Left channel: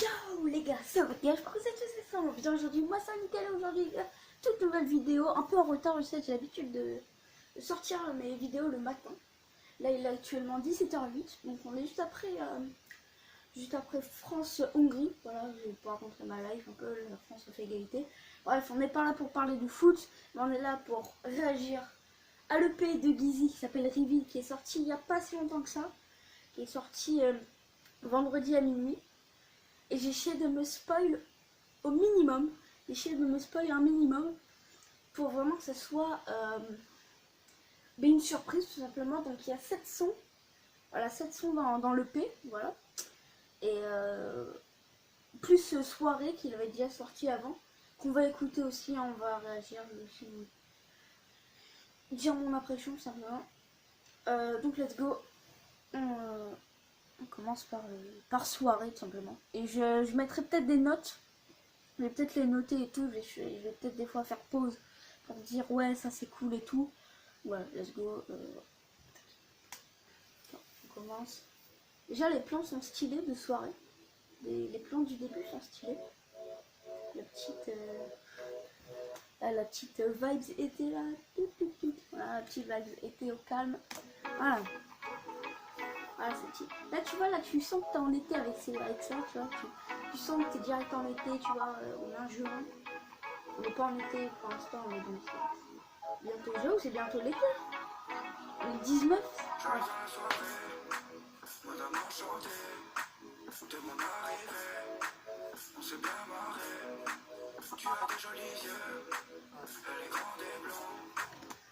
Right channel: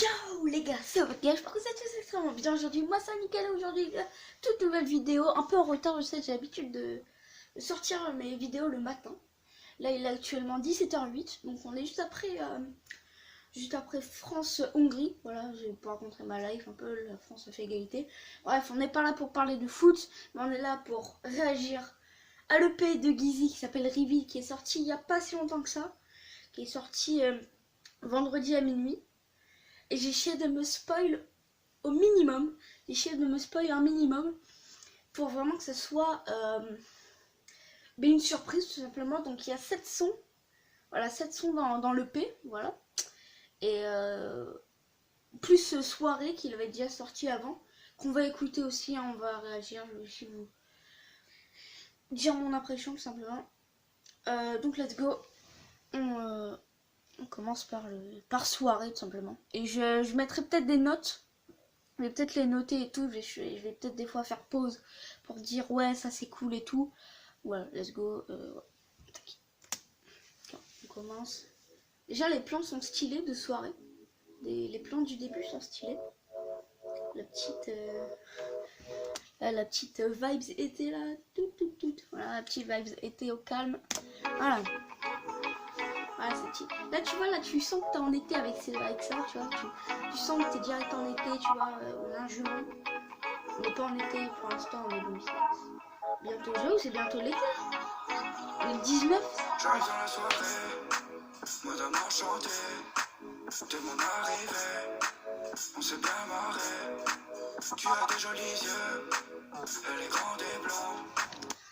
Yo les gars, c'est votre gars, j'espère que vous êtes tous extrêmement bien aujourd'hui. Moi c'est Nickel, aujourd'hui toute nouvelle vidéo, un peu en retard, je sais, j'ai l'habitude de sortir mes vidéos le matin. Là il est actuellement 17h08, donc on est juste après France-Hongrie. Voilà, j'ai pas raconté ma life un peu, la France a fait égalité. Bref, on n'est pas là pour parler de foot, mais on est là pour réagir à l'EP de Gizzy qui s'appelle Reveal, qui est sorti il n'y a pas si longtemps que ça, qui est sorti vendredi à minuit. Et j'ai essayé de me spoil au minimum. J'ai essayé de me spoil un minimum pour vraiment que ce soit une surprise tout simplement. Donc il y a 7 sons. Voilà, 7 sons dans l'EP. Voilà. Et plus soirée qu'il avait déjà sorti avant. Qu'on va écouter aussi. Hein, on va réagir. Je vais aussi vous dire mon impression tout simplement. Donc let's go. On commence par soirée tout simplement. Et je mettrai peut-être des notes. Je vais peut-être les noter et tout. Je vais peut-être des fois faire pause pour dire ouais ça c'est cool et tout. Voilà, let's go. On commence. Déjà les plans sont stylés de soirée. Les plans du début sont stylés. La petite vibes été là. Voilà, la petite vibes été au calme. Voilà. Voilà, c'est petit. Là, tu vois, là, tu sens que t'es en été avec ça, tu vois. Tu sens que t'es direct en été, tu vois. On est en juin. On n'est pas en été pour l'instant, on est 2016. Bientôt, j'avoue, c'est bientôt l'été. Le 19. J'arrive dans la soirée, madame enchantée, dès mon arrivée, on s'est bien marré. Tu as des jolis yeux, elle est grande et blonde.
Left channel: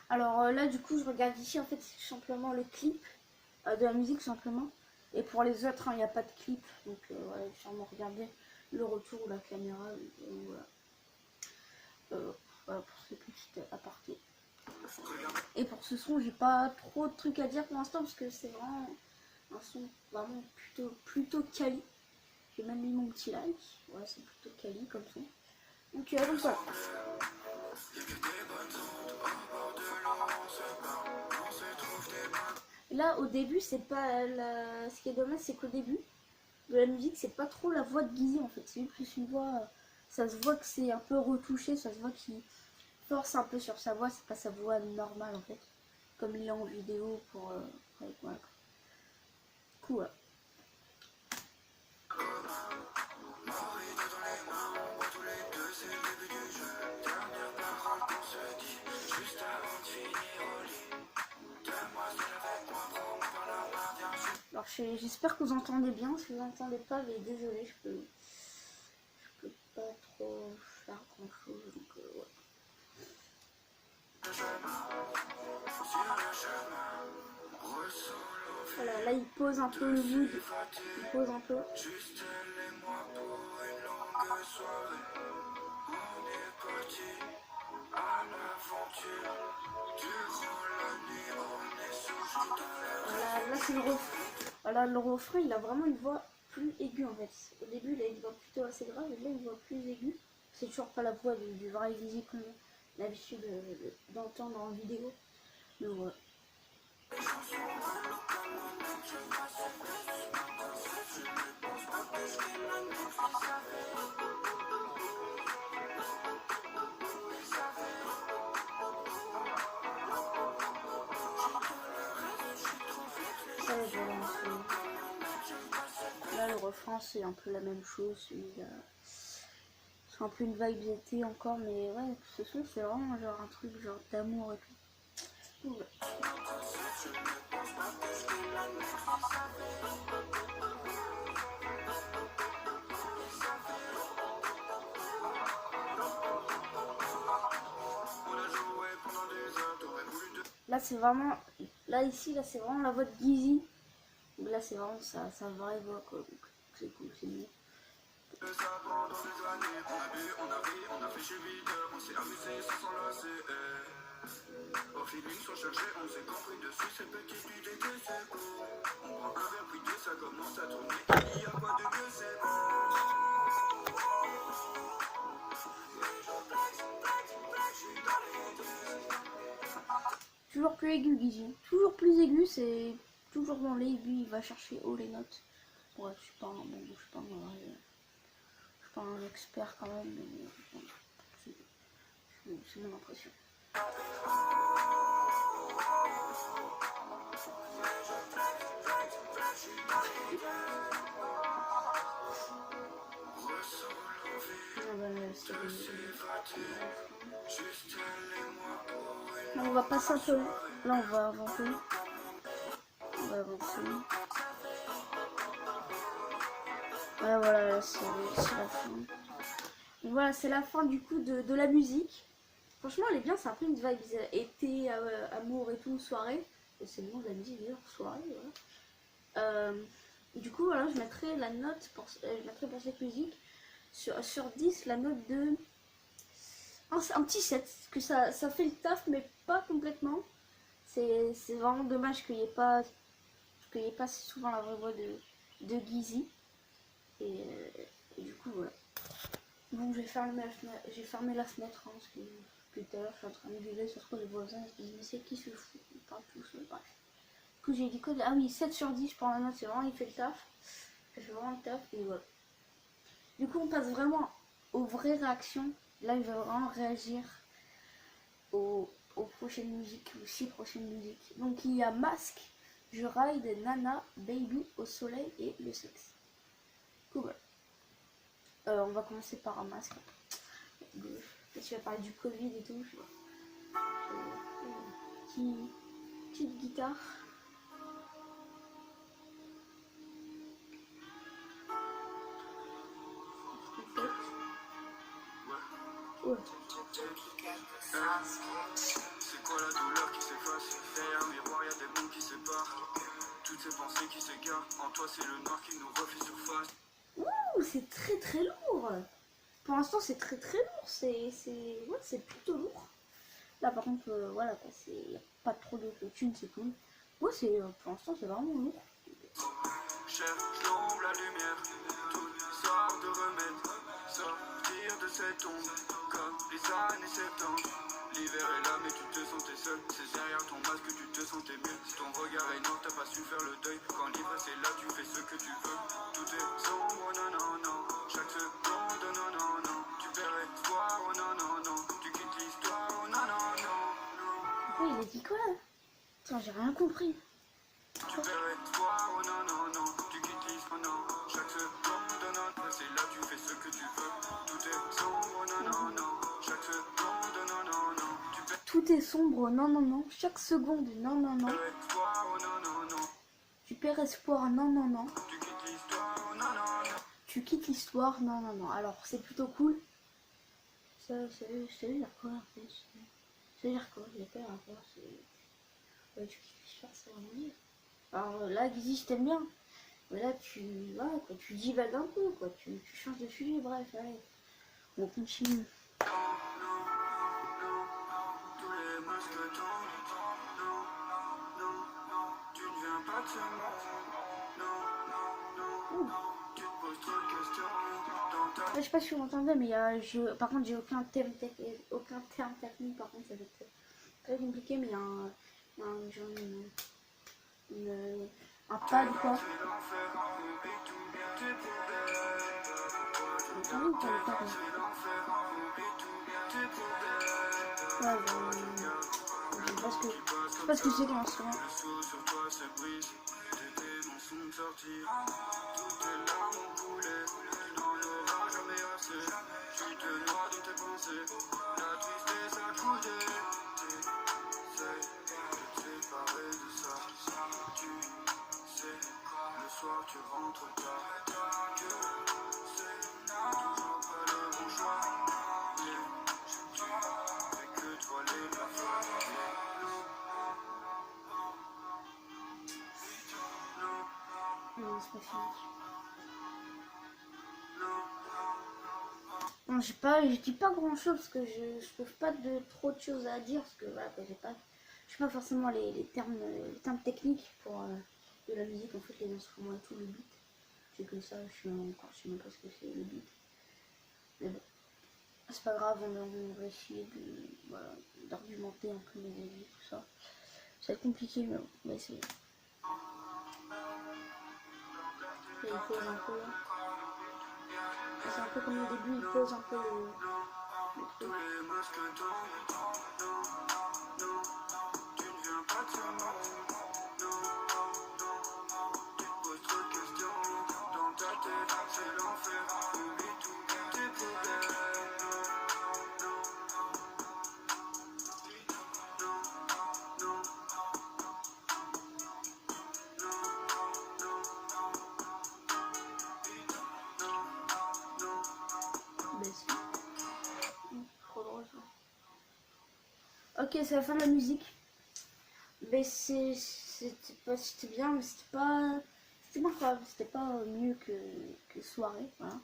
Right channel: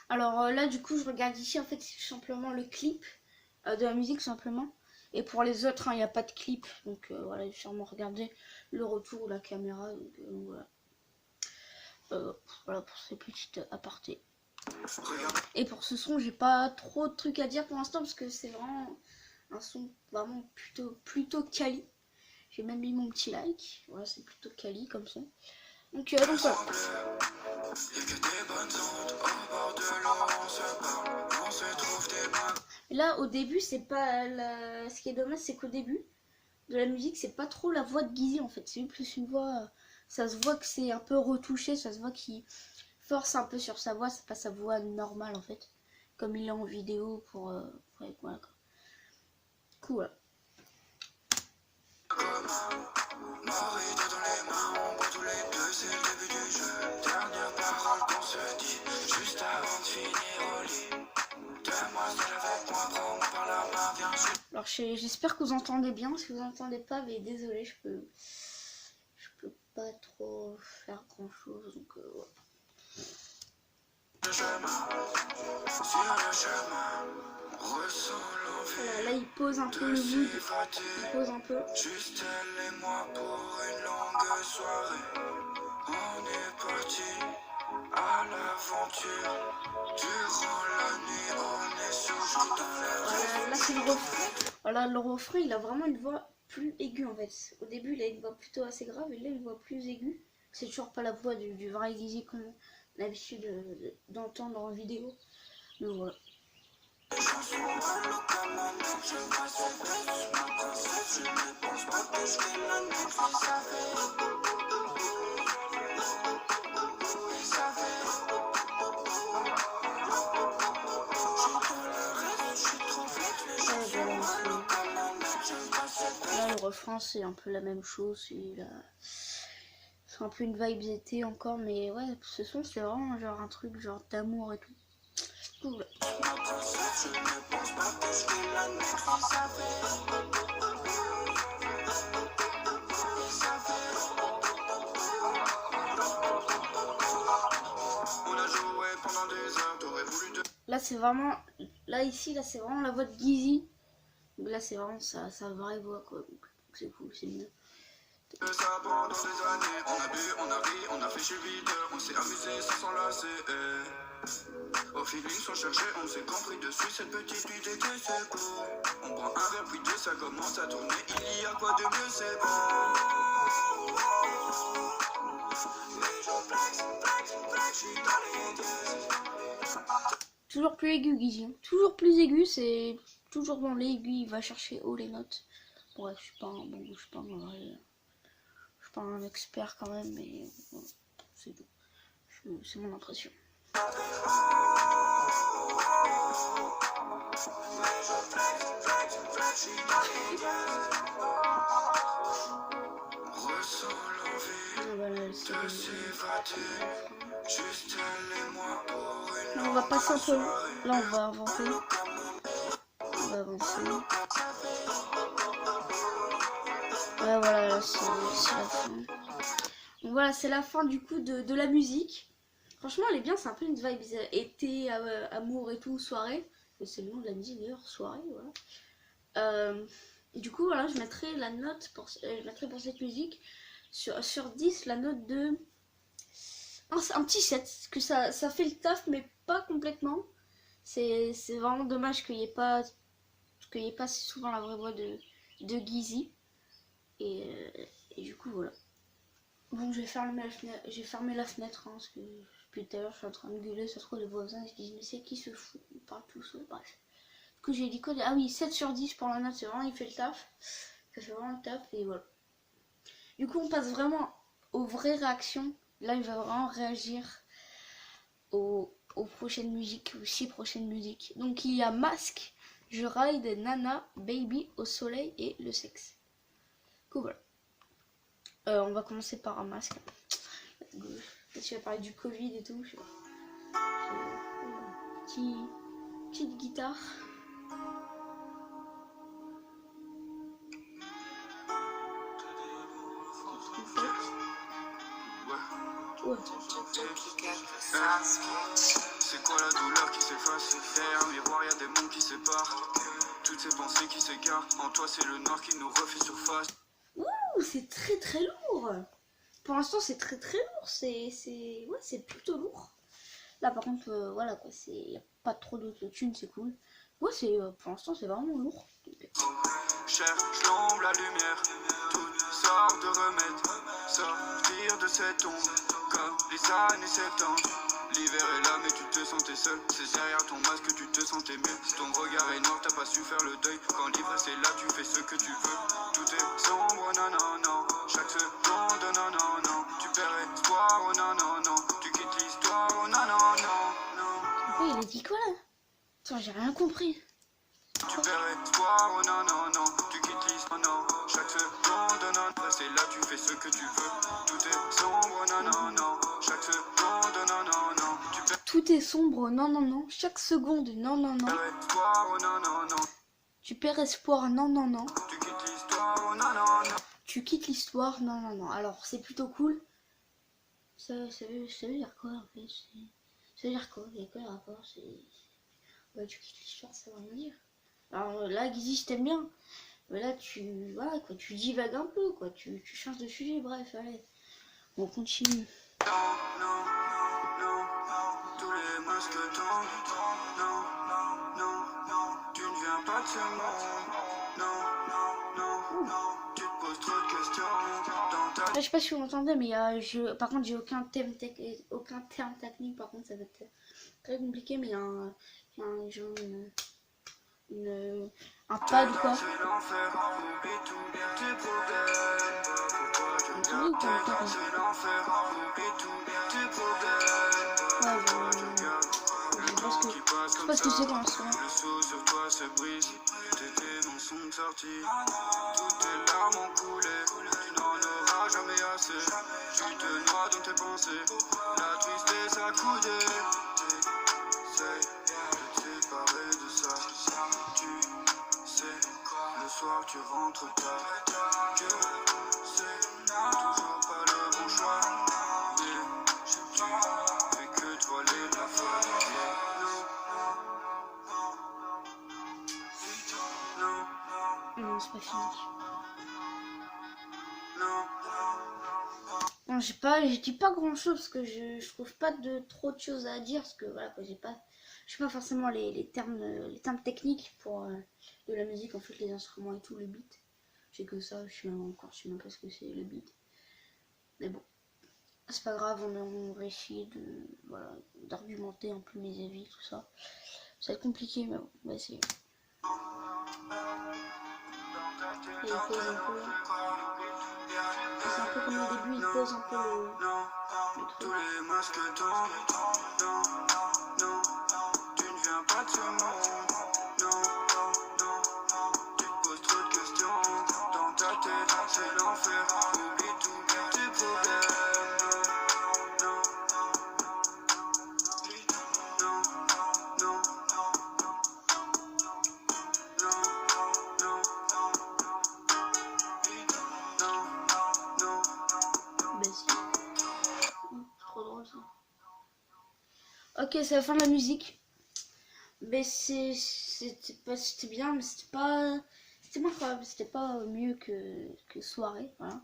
Alors là, du coup, je regarde ici, en fait, c'est simplement le clip de la musique, simplement. Et pour les autres, il n'y a pas de clip. Donc voilà, j'ai sûrement regardé le retour de la caméra. Donc, voilà. Voilà pour ces petites apartés. Et pour ce son, j'ai pas trop de trucs à dire pour l'instant parce que c'est vraiment un son vraiment plutôt quali. J'ai même mis mon petit like. Ouais, c'est plutôt quali comme son. Donc voilà. Et là, au début, c'est pas ce qui est dommage, c'est qu'au début de la musique, c'est pas trop la voix de Gizzy en fait. C'est plus une voix. Ça se voit que c'est un peu retouché, ça se voit qu'il force un peu sur sa voix, c'est pas sa voix normale en fait, comme il est en vidéo pour voilà. Cool. Alors j'espère que vous entendez bien. Si vous entendez pas, mais désolé, je peux pas trop faire grand chose, donc ouais. Voilà, là il pose un peu le mood, il pose un peu. Juste elle et moi pour une longue soirée. On est parti à l'aventure. Durant la nuit, on est sous dans la. Voilà, là c'est le refrain. Voilà, le refrain, il a vraiment une voix plus aiguë en fait. Au début, il a une voix plutôt assez grave, et là, une voix plus aiguë. C'est toujours pas la voix du vrai Gizzy qu'on a l'habitude d'entendre en vidéo. Mais voilà. Là, le refrain, c'est un peu la même chose. C'est un peu une vibe été encore, mais ouais, ce son, c'est vraiment genre un truc genre d'amour et tout. Cool. Là, c'est vraiment. Là, ici, là, c'est vraiment la voix de Gizzy. Donc là, c'est vraiment sa vraie voix, quoi. Donc c'est cool, c'est mieux. Ça pendant des années, on a bu, on a ri, on a fait chez vide, on s'est amusé sans s'enlacer. Au feeling sans chercher, on s'est compris dessus, cette petite nuit d'été c'est cool. On prend un verre puis deux, ça commence à tourner, il y a quoi de mieux, c'est bon. Toujours plus aigu, Gizzy. Toujours plus aigu, c'est toujours dans l'aigu, il va chercher haut les notes. Bref, je suis pas un vrai suis pas un expert quand même, mais voilà, c'est mon impression. Voilà, là, on va passer un peu. Là, on va avancer. On va avancer. Ouais, voilà, là, c'est la fin. Donc voilà, c'est la fin du coup de la musique. Franchement, elle est bien, c'est un peu une vibe été, amour et tout, soirée. C'est le nom de la musique d'ailleurs, soirée, voilà. Du coup, voilà, je mettrai la note pour cette musique sur 10, la note de un petit 7, parce que ça fait le taf, mais pas complètement. C'est vraiment dommage qu'il n'y ait pas souvent la vraie voix de Gizzy. Et du coup, voilà. Bon, j'ai fermé la fenêtre, hein, parce que depuis tout à l'heure, je suis en train de gueuler, ça se trouve les voisins, ils se disent, mais c'est qui se fout? Ils parlent tous, ouais, bref. Du coup, j'ai dit quoi? Ah oui, 7 sur 10 pour la note, c'est vraiment, il fait le taf. Ça fait vraiment le taf, et voilà. Du coup, on passe vraiment aux vraies réactions. Là, il va vraiment réagir aux prochaines musiques, aux 6 prochaines musiques. Donc, il y a Masque, Je Ride, Nana, Baby, Au Soleil et Le Sexe. Cool, voilà. On va commencer par un masque. Peut-être tu vas parler du Covid et tout, je sais pas. Petite guitare. Ouais. C'est quoi la douleur qui s'efface? Derrière le miroir, y'a des mondes qui séparent. Toutes ces pensées qui s'égarent. En toi, c'est le noir qui nous refait surface. Ouh, c'est très très lourd. Pour l'instant, c'est très très lourd. C'est plutôt lourd. Là, par contre, voilà quoi, y a pas trop d'autotune, c'est cool. Ouais, pour l'instant, c'est vraiment lourd. Cherche l'ombre, la lumière. Toutes sortes de remèdes. Sortir de cette ombre. Comme les années 70. L'hiver est là mais tu te sentais seul. C'est derrière ton masque que tu te sentais mieux. Ton regard est noir, t'as pas su faire le deuil. Quand l'ivresse est là, tu fais ce que tu veux. Tout est sombre, non, non, non. Chaque seconde, non, non, non. Tu perds espoir, oh non, non, non. Tu quittes l'histoire, oh non, non, non, non. Ouais, il a dit quoi là? Attends, j'ai rien compris. Tu perds espoir, oh non, non, non. Tu quittes l'histoire, non. Chaque seconde, non, c'est là, tu fais ce que tu veux. Tout est sombre, non, non, non. Chaque seconde, non, non, non. Tu perds Tout est sombre, non, non, non. Chaque seconde, non, non, non. espoir, oh non, non, non. Tu perds espoir, non, non, non. Tu quittes l'histoire, oh non, non, non. Tu quittes l'histoire, non, non, non. Alors, c'est plutôt cool. Ça veut dire quoi en fait? Ça veut dire quoi? Il y a quoi le rapport? Ouais, tu quittes l'histoire, ça veut rien dire. Alors là, Gizzy, je t'aime bien. Mais là, voilà, quoi, tu divagues un peu, quoi. Tu changes de sujet, bref, allez. On continue. Non, non, non, non. Tous les masques tombent. Non, non, non, non. Tu ne viens pas de ce monde. Non, non, non, non. Tu te poses trop de questions dans ta... Je sais pas si vous m'entendez, mais par contre, j'ai aucun terme technique. Par contre, ça va être très compliqué, mais il y a genre un pad ou quoi. C'est l'enfer, oublie tout tes problèmes. Vous entendez ou pas encore? C'est l'enfer, oublie tout tes problèmes. Ouais, je sais pas ce que c'est comme instrument. Le saut sur toi se brise. Tes démons sont sortis. Toutes tes larmes ont coulé. Tu n'en auras jamais assez. Tu te noies dans tes pensées. La tristesse a coudé. Essaye de te séparer de ça. Tu sais, le soir tu rentres tard. Que c'est toujours pas le bon choix. Mais tu fais que toiler la fatigue. Non, c'est pas fini. Non, je dis pas grand chose parce que je trouve pas trop de choses à dire parce que voilà quoi, je sais pas forcément les termes techniques pour de la musique, en fait, les instruments et tout, le beat. J'ai que ça, je sais même pas ce que c'est le beat. Mais bon, c'est pas grave, on va essayer d'argumenter un peu mes avis, tout ça. Ça va être compliqué, mais bon, on va essayer. Et il pose un peu. C'est un peu comme au début, il pose un peu le truc. Tous les masques tombent. Non, non, tu ne viens pas de ce monde. Non, non, tu te poses trop de questions. Dans ta tête, c'est l'enfer. Oublie tous tes problèmes. Non, non, non, non, Bah si. Trop drôle ça. Ok, c'est la fin de la musique. Mais c'était bien, mais c'était pas incroyable, c'était pas mieux que soirée, voilà.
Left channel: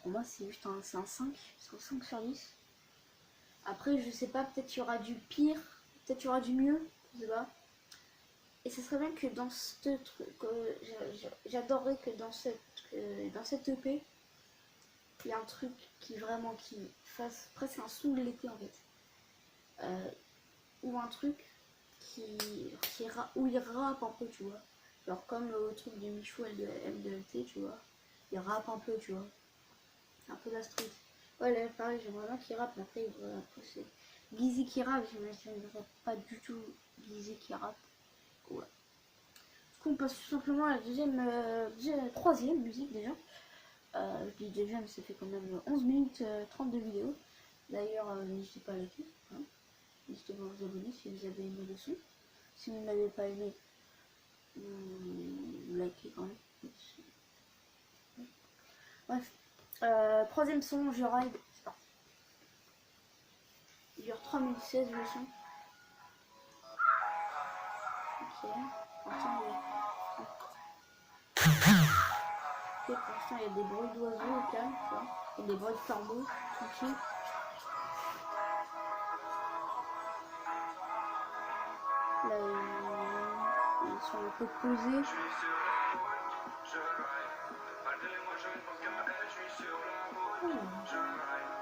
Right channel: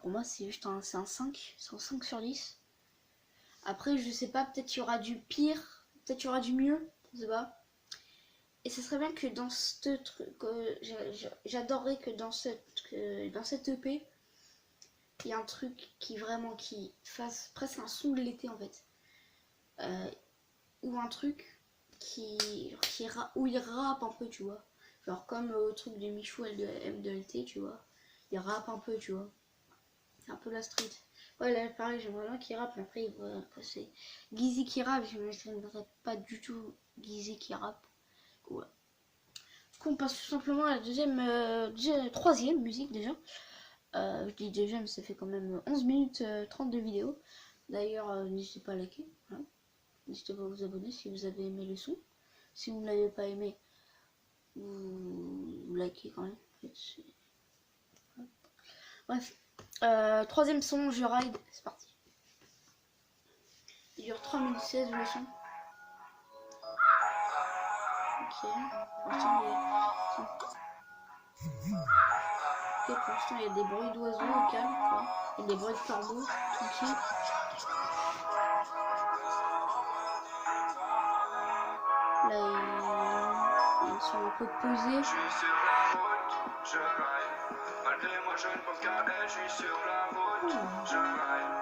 Pour moi c'est juste un 5, c'est un 5 sur 10. Après je sais pas, peut-être il y aura du pire, peut-être il y aura du mieux, je sais pas. Et ce serait bien que dans ce truc, j'adorerais que dans cette EP, il y a un truc qui fasse presque un son de l'été en fait. Ou un truc où il rappe un peu, tu vois. Genre comme le truc de Michou M2LT, tu vois. Il rappe un peu, tu vois. C'est un peu la street. Ouais, là, pareil, j'aimerais bien qu'il rappe, mais après c'est Guizy qui rappe, j'aimerais pas du tout Guizy qui rappe. Ouais. Du coup, on passe tout simplement à la troisième musique déjà. Je dis déjà, mais ça fait quand même 11 minutes 30 de vidéo. D'ailleurs, n'hésitez pas à liker. Hein. N'hésitez pas à vous abonner si vous avez aimé le son. Si vous ne l'avez pas aimé, vous likez quand même. Bref. Troisième son, je ride. C'est parti. Il dure 3 minutes 16 le son. Ok. Pour l'instant, il y a des bruits d'oiseaux au calme. Tu vois. Il y a des bruits de corbeaux. Tranquille. Là, ils sont un peu posés. Je suis sur la route, je ride. Malgré moi, je ne pense qu'à elle, je suis sur la route, je ride.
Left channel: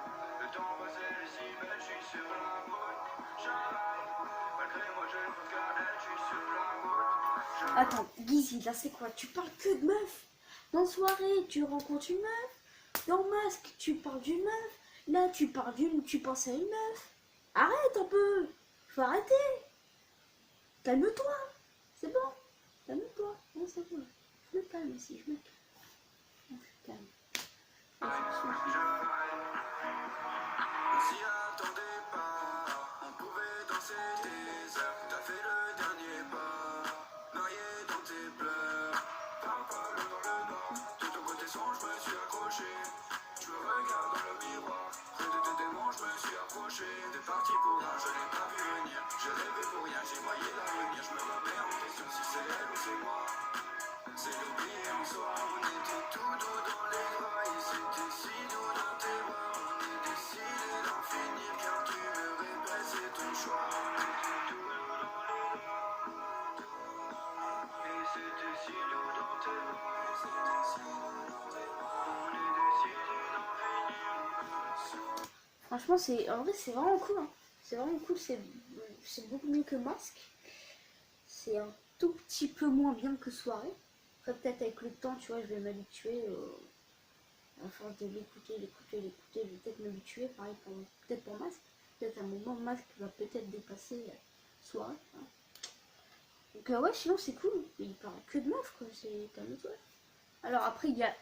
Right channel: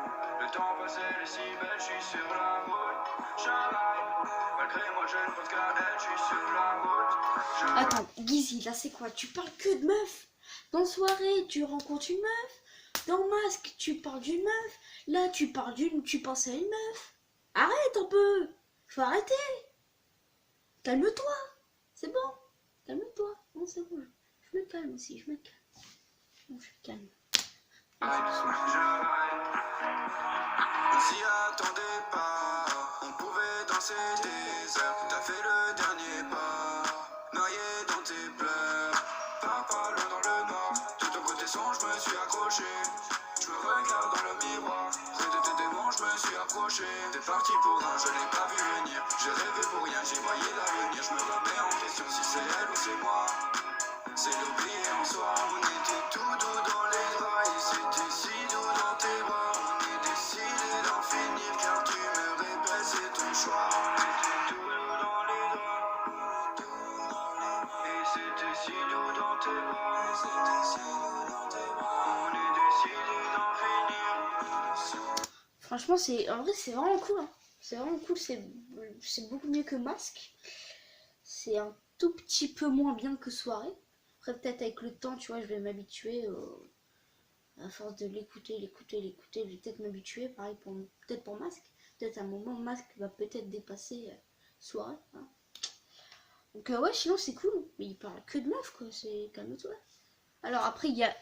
Le temps passé, les si belles, je suis sur la route, je ride. Malgré moi, je ne pense qu'à elle, je suis sur la route, je ride. Attends, Guizy, là c'est quoi? Tu parles que de meufs. Dans soirée, tu rencontres une meuf. Dans Masque, tu parles d'une meuf. Là, tu penses à une meuf. Arrête un peu. Faut arrêter. Calme-toi. C'est bon. Calme-toi. Non, c'est bon. Je me calme aussi. Je me calme. Non, je suis calme. On s'y attendait pas, on pouvait danser des heures. T'as fait le dernier pas, noyé dans tes pleurs. Pas loin dans le noir, de ton côté sombre, je me suis accroché. Je me regarde dans le miroir, près de tes démons, je me suis approché. T'es parti pour un, je l'ai pas vu venir. J'ai rêvé pour rien, j'y voyais l'avenir. Je me remets en question si c'est elle ou c'est moi. C'est l'oublier en soi, on était tout doux dans les draps. Et c'était si doux dans tes bras. On est décidé d'en finir car tu me répètes, c'est ton choix. On était tout doux dans les draps. Et c'était si doux dans tes bras. On est décidé d'en finir. Franchement, en vrai, c'est vraiment cool. Hein. C'est vraiment cool. C'est beaucoup mieux que Masque. C'est un tout petit peu moins bien que Soirée. Après, peut-être avec le temps, tu vois, je vais m'habituer. À force de l'écouter, je vais peut-être m'habituer. Pareil, peut-être pour Masque. Peut-être à un moment, Masque va peut-être dépasser Soirée. Hein. Donc, ouais, sinon, c'est cool. Mais il parle que de meufs, quoi. C'est calme-toi. Alors, après, il y a.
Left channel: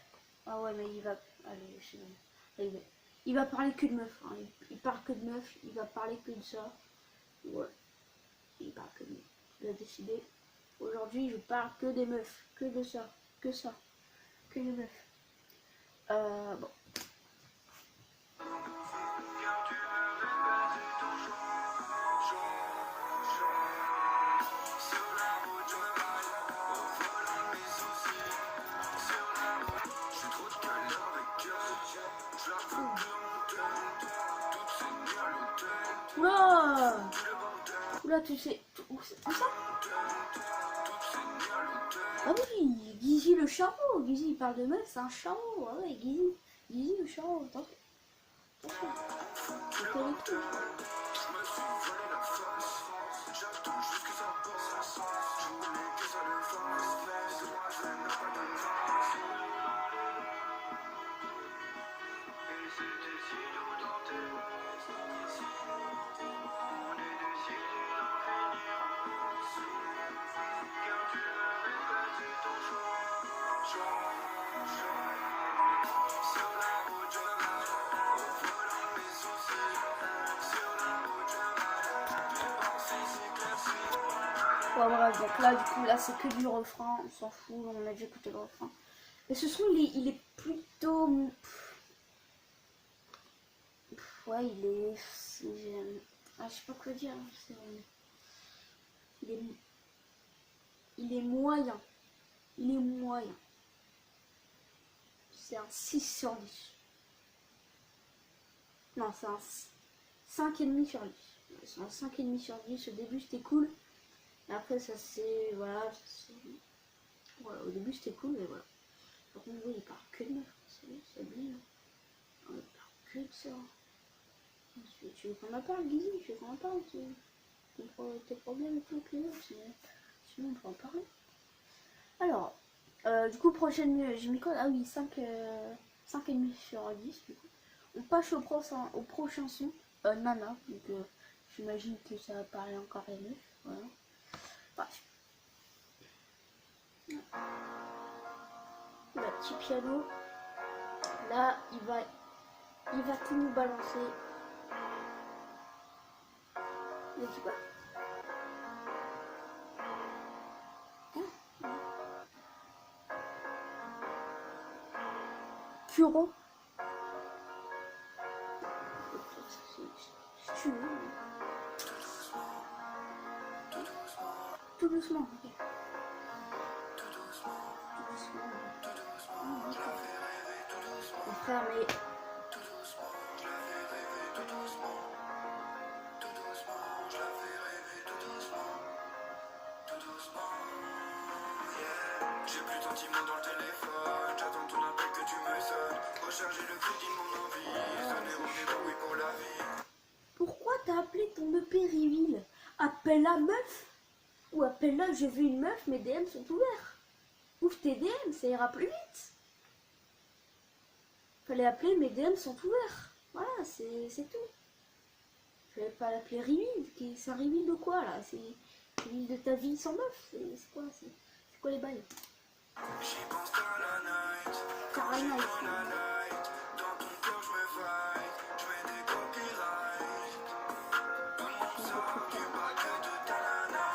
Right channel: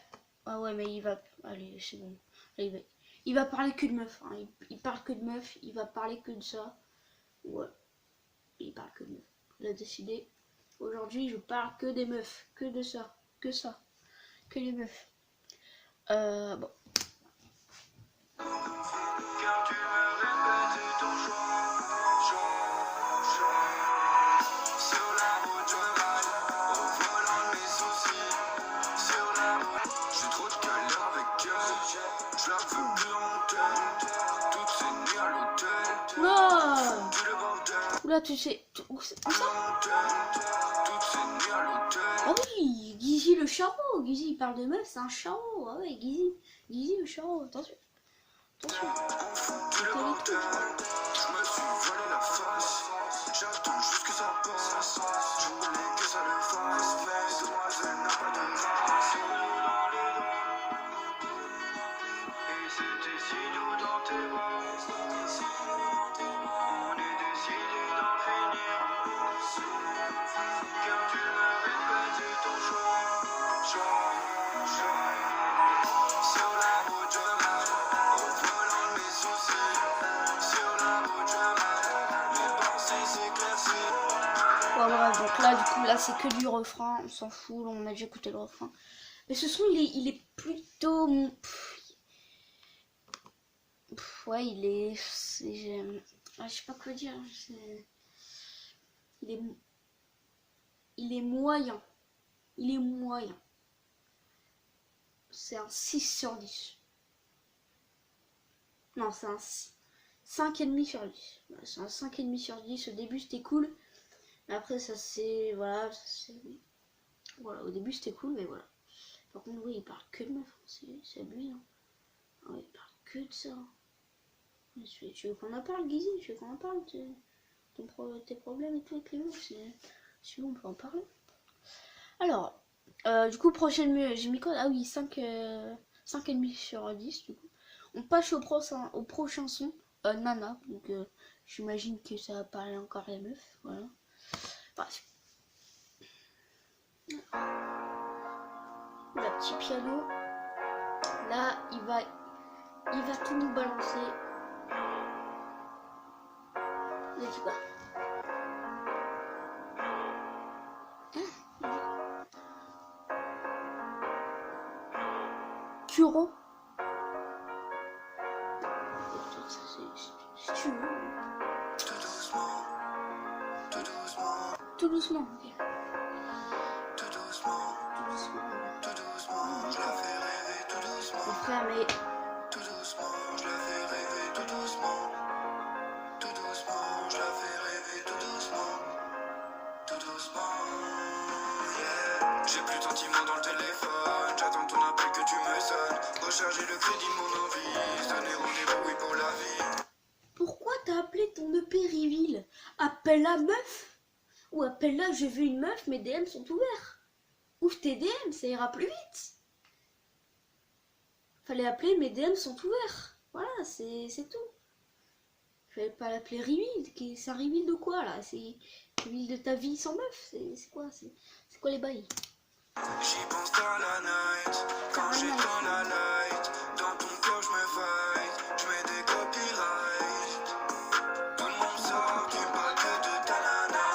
Ah ouais, mais il va. Allez, c'est bon. Là, il va parler que de meufs. Hein. Il parle que de meufs. Il va parler que de ça. Ouais. Il parle que de meufs. Il a décidé. Aujourd'hui, je parle que des meufs. Que de ça. Que ça. Que les meufs. Bon. Car tu me répètes, c'est ton choix. Sur la route, je ride, au volant de mes soucis. Sur la route, j'ai trop de galères avec elle. Je la veux plus honteux. Toutes ces nuits à l'hôtel. Oula. Tout le bordel. Oula, tu sais. Où ça? Toutes ces nuits à l'hôtel. Ah oui, Guizy le charreau. Guizy, il parle de meuf, c'est un charreau. Ah ouais, Guizy le charreau. Attention. Attention. Tout le bordel. Je me suis volé la face. J'attends juste que ça passe. Je voulais que ça le fasse. Demoiselle n'a pas de grâce. Sur la route je râle, au volant de mes soucis. Sur la route je râle, mes pensées s'éclaircissent. Ouais, bref, donc là, du coup, là, c'est que du refrain. On s'en fout, on a déjà écouté le refrain. Mais ce son, il est plutôt... ouais, je sais pas quoi dire. Il est, il est moyen. Il est moyen. C'est un 6 sur 10. Non, c'est un 5,5 sur 10. C'est un 5,5 sur 10. Au début, c'était cool. Mais après, ça c'est... Voilà, voilà, au début, c'était cool, mais voilà. Par contre, oui, il parle que de meufs. C'est abusé. Hein. Ah ouais, il parle que de ça. Tu veux qu'on en parle, Guizy? Tu veux qu'on en parle tes problèmes et tout avec les meufs? Sinon, on peut en parler. Alors, du coup, prochaine... J'ai mis quoi? Ah oui, 5,5 sur 10, du coup. On passe au prochain son, Nana. Donc, j'imagine que ça va parler encore les meufs. Voilà. Bref. Le petit piano. Là, il va tout nous balancer. Il a dit quoi? Kuro. Si tu veux. Tout doucement, tout doucement, Tout doucement. Ok. tout doucement, Tout doucement. tout doucement, je la fais rêver tout doucement. Mon frère, mais Tout doucement, je la fais rêver tout doucement. Tout doucement, je la fais rêver tout doucement. Tout doucement, yeah. J'ai plus ton timon dans le téléphone. J'attends ton appel que tu me sonnes. Recharger le crédit de mon envie. Se donner rendez-vous, oui, pour la vie. pourquoi t'as appelé ton EP Reveal? Appelle la meuf. Ou appelle-la, je veux une meuf, mes DM sont ouverts. Ouvre tes DM, ça ira plus vite. Fallait appeler, mes DM sont ouverts. Voilà, c'est tout. Fallait pas l'appeler Reveal. C'est un Reveal de quoi là? C'est Reveal de ta vie sans meuf? C'est quoi? C'est quoi les bails? J'y pense dans la night. Quand Dans la j'éteins night. la light. Dans ton corps, je me fight. Je mets des copyrights. Tout le monde sort qui parle que de ta nana.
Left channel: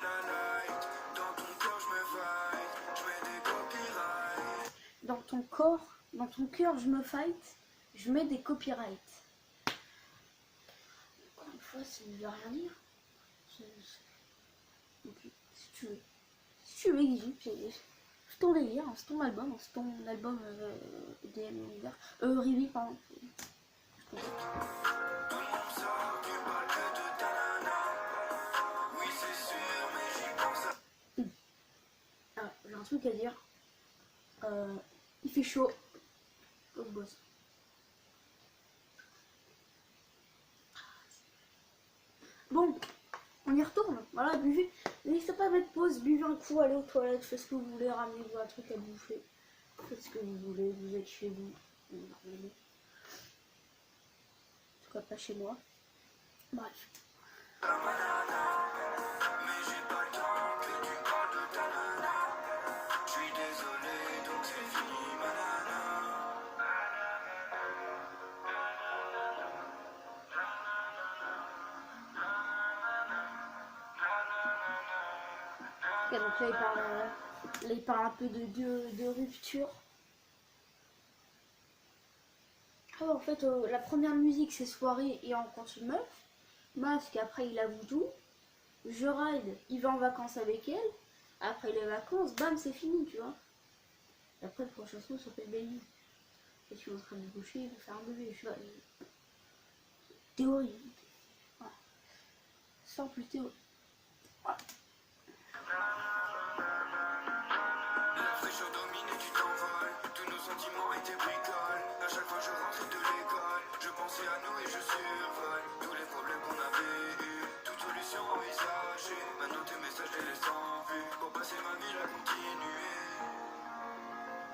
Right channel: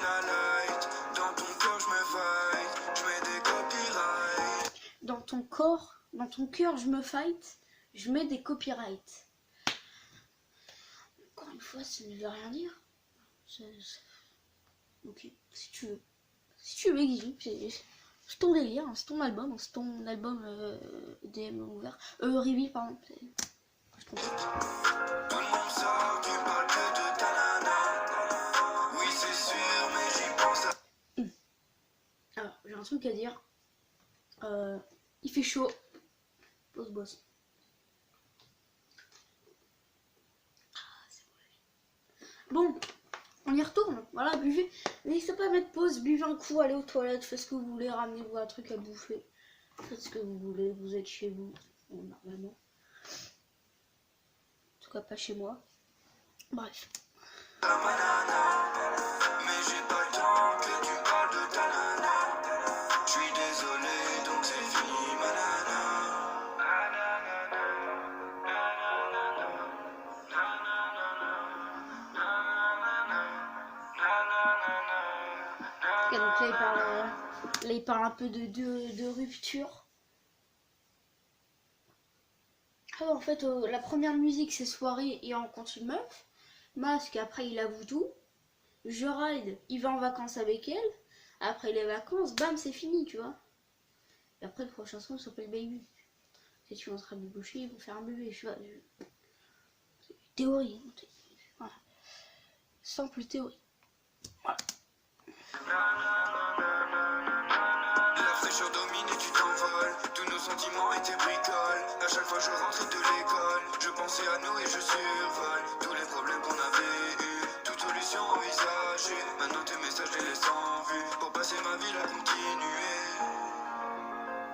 La light. Dans ton corps, je me fight. Je mets des copyrights. Dans ton cœur, je me fight. Je mets des copyrights. Encore une fois, ça ne veut rien dire. Ok, si tu veux. Si tu veux, Guigui, c'est ton délire, hein, c'est ton album, DM ouvert. Reveal, pardon. Je comprends. Tout le monde sort qui parle que de ta nana. Oui, c'est sûr, mais j'y pense à... Alors, j'ai un truc à dire. Il fait chaud. Pause boss. Bon, on y retourne. Voilà, buvez. N'hésitez pas à mettre pause, buvez un coup, allez aux toilettes, faites ce que vous voulez, ramenez-vous un truc à bouffer. Faites ce que vous voulez, vous êtes chez vous, normalement. En tout cas, pas chez moi. Bref. Mais j'ai pas le temps que tu me parles de ta nana. Je suis désolé, donc c'est fini, ma nana. Ok, donc là, il parle un peu de rupture. Ah, en fait, la première musique, c'est soirée et on rencontre une meuf. Masque, après, il avoue tout. Je ride, il va en vacances avec elle. Après les vacances, bam, c'est fini, tu vois. Et après, le prochain son s'appelle Baby. Si tu es en train de boucher, il va faire un bébé. Je vois. Théorie. Hein. Voilà. Simple théorie. Voilà. La fraîcheur domine et tu t'envoles. Tous nos sentiments étaient bricoles. À chaque fois je rentrais de l'école, je pensais à nous et je survole tous les problèmes qu'on avait eus, toute solution envisagée. Maintenant tes messages les laisse en vue. Pour passer ma vie à continuer.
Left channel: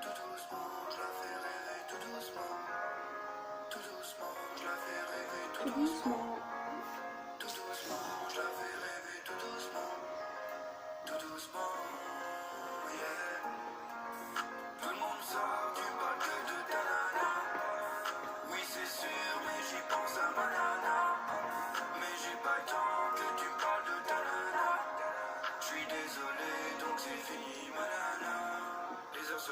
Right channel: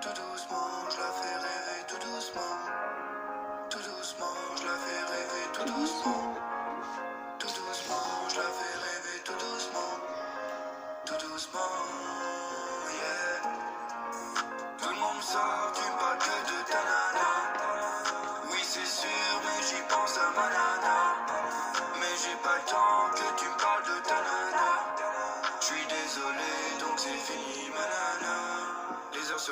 Tout doucement, je la fais rêver tout doucement. Tout doucement, je la fais rêver tout doucement. Tout doucement, je la fais rêver tout doucement. Tout doucement, yeah.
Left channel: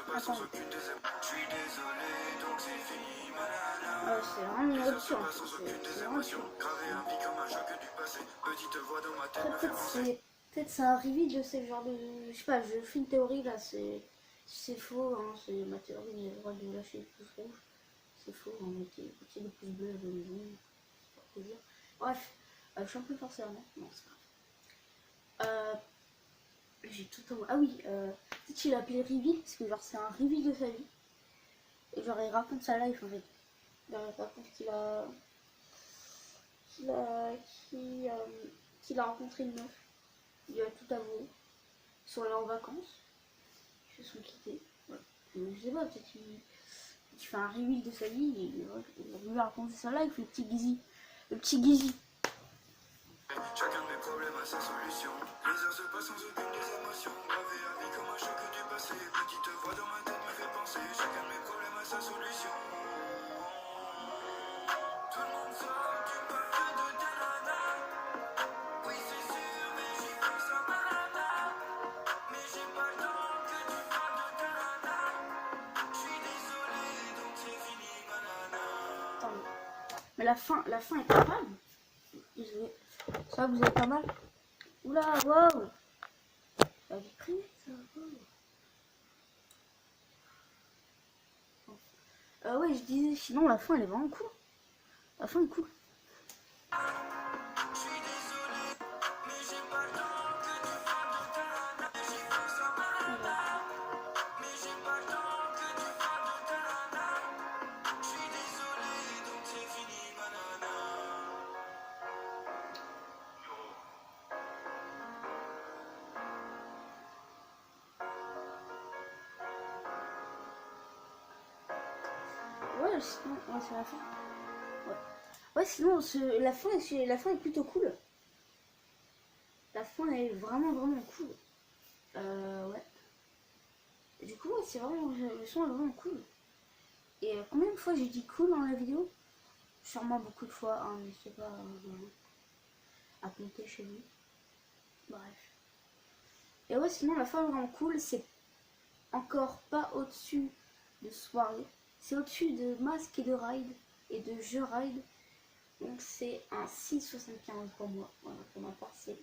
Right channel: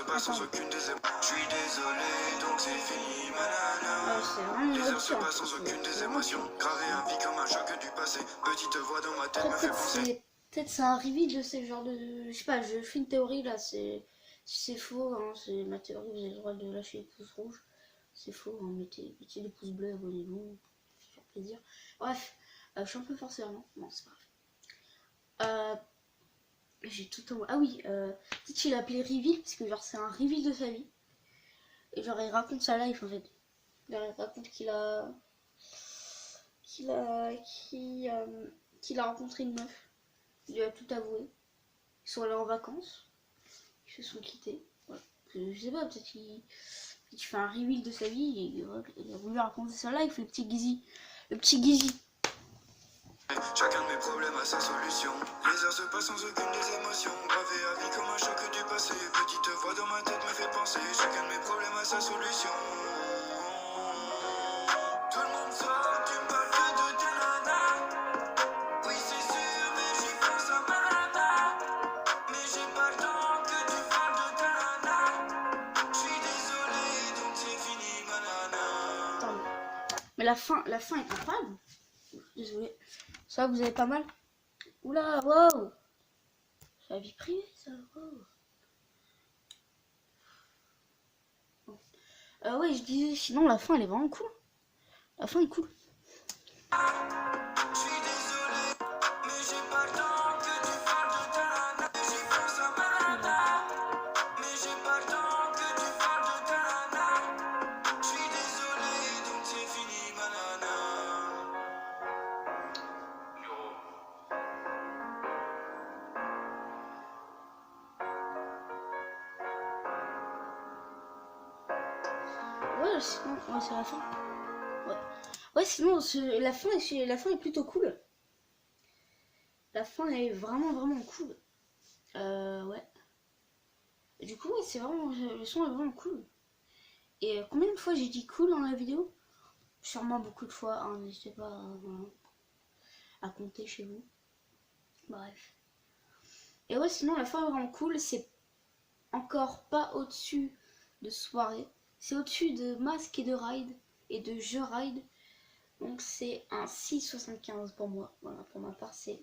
pas sans aucune des émotions. Je suis désolé, donc c'est fini, manana. Ah, c'est vraiment Les une heures se option. passent sans aucune des émotions. Gravé à vie comme un choc du passé. Petite voix dans ma tête Après, me fait penser. peut-être c'est un reveal de ce genre de. Je sais pas, je fais une théorie là, c'est faux, hein, c'est ma théorie, vous avez le droit de lâcher les pouces rouges. C'est faux, hein, mettez des pouces bleus, abonnez-vous, c'est faire plaisir. Bref, je suis un peu forcé, non, c'est pas grave. J'ai tout en... Ah oui, peut-être qu'il a appelé reveal, parce que genre c'est un reveal de sa vie. Et genre il raconte sa life en fait. Genre, il raconte qu'il a rencontré une meuf. Il lui a tout avoué. Ils sont allés en vacances. Ils se sont quittés. Voilà. Je sais pas, peut-être qu'il fait un reveal de sa vie et voilà, il a voulu raconter sa life, le petit Gizzy. Le petit Gizzy. Chacun de mes problèmes a sa solution. Les heures se passent sans aucune des émotions. Gravé à vie comme un choc du passé. Petite voix dans ma tête me fait penser. Chacun de mes problèmes a sa solution. Tout le monde sort, tu me parles que de ta nana. Oui c'est sûr, mais j'y pense un malade. Mais j'ai pas le temps que tu parles de ta nana. Je suis désolé, donc c'est fini, banana. Attends, mais la fin est pas mal. Désolé. Ça, vous avez pas mal. Oula, wow. C'est la vie privée, ça. Wow. Ouais, je disais, sinon la fin elle est vraiment cool. La fin est cool. Je suis désolé, mais j'ai pas le temps que tu parles de ta nana. J'y pense un malade. Mais j'ai pas le temps que tu parles de ta nana. Je suis désolé, donc c'est fini, banana. Ouais, sinon, ouais, c'est la fin. Ouais. Ouais, sinon, la fin est plutôt cool. La fin est vraiment cool. Ouais. Et du coup, ouais, c'est vraiment, le son est vraiment cool. Et combien de fois j'ai dit cool dans la vidéo? Sûrement beaucoup de fois, hein, n'hésitez pas à compter chez vous. Bref. Et ouais, sinon, la fin est vraiment cool. C'est encore pas au-dessus de soirée. C'est au-dessus de Masque et de Ride et de Je Ride. Donc c'est un 6,75 pour moi. Voilà, pour ma part, c'est...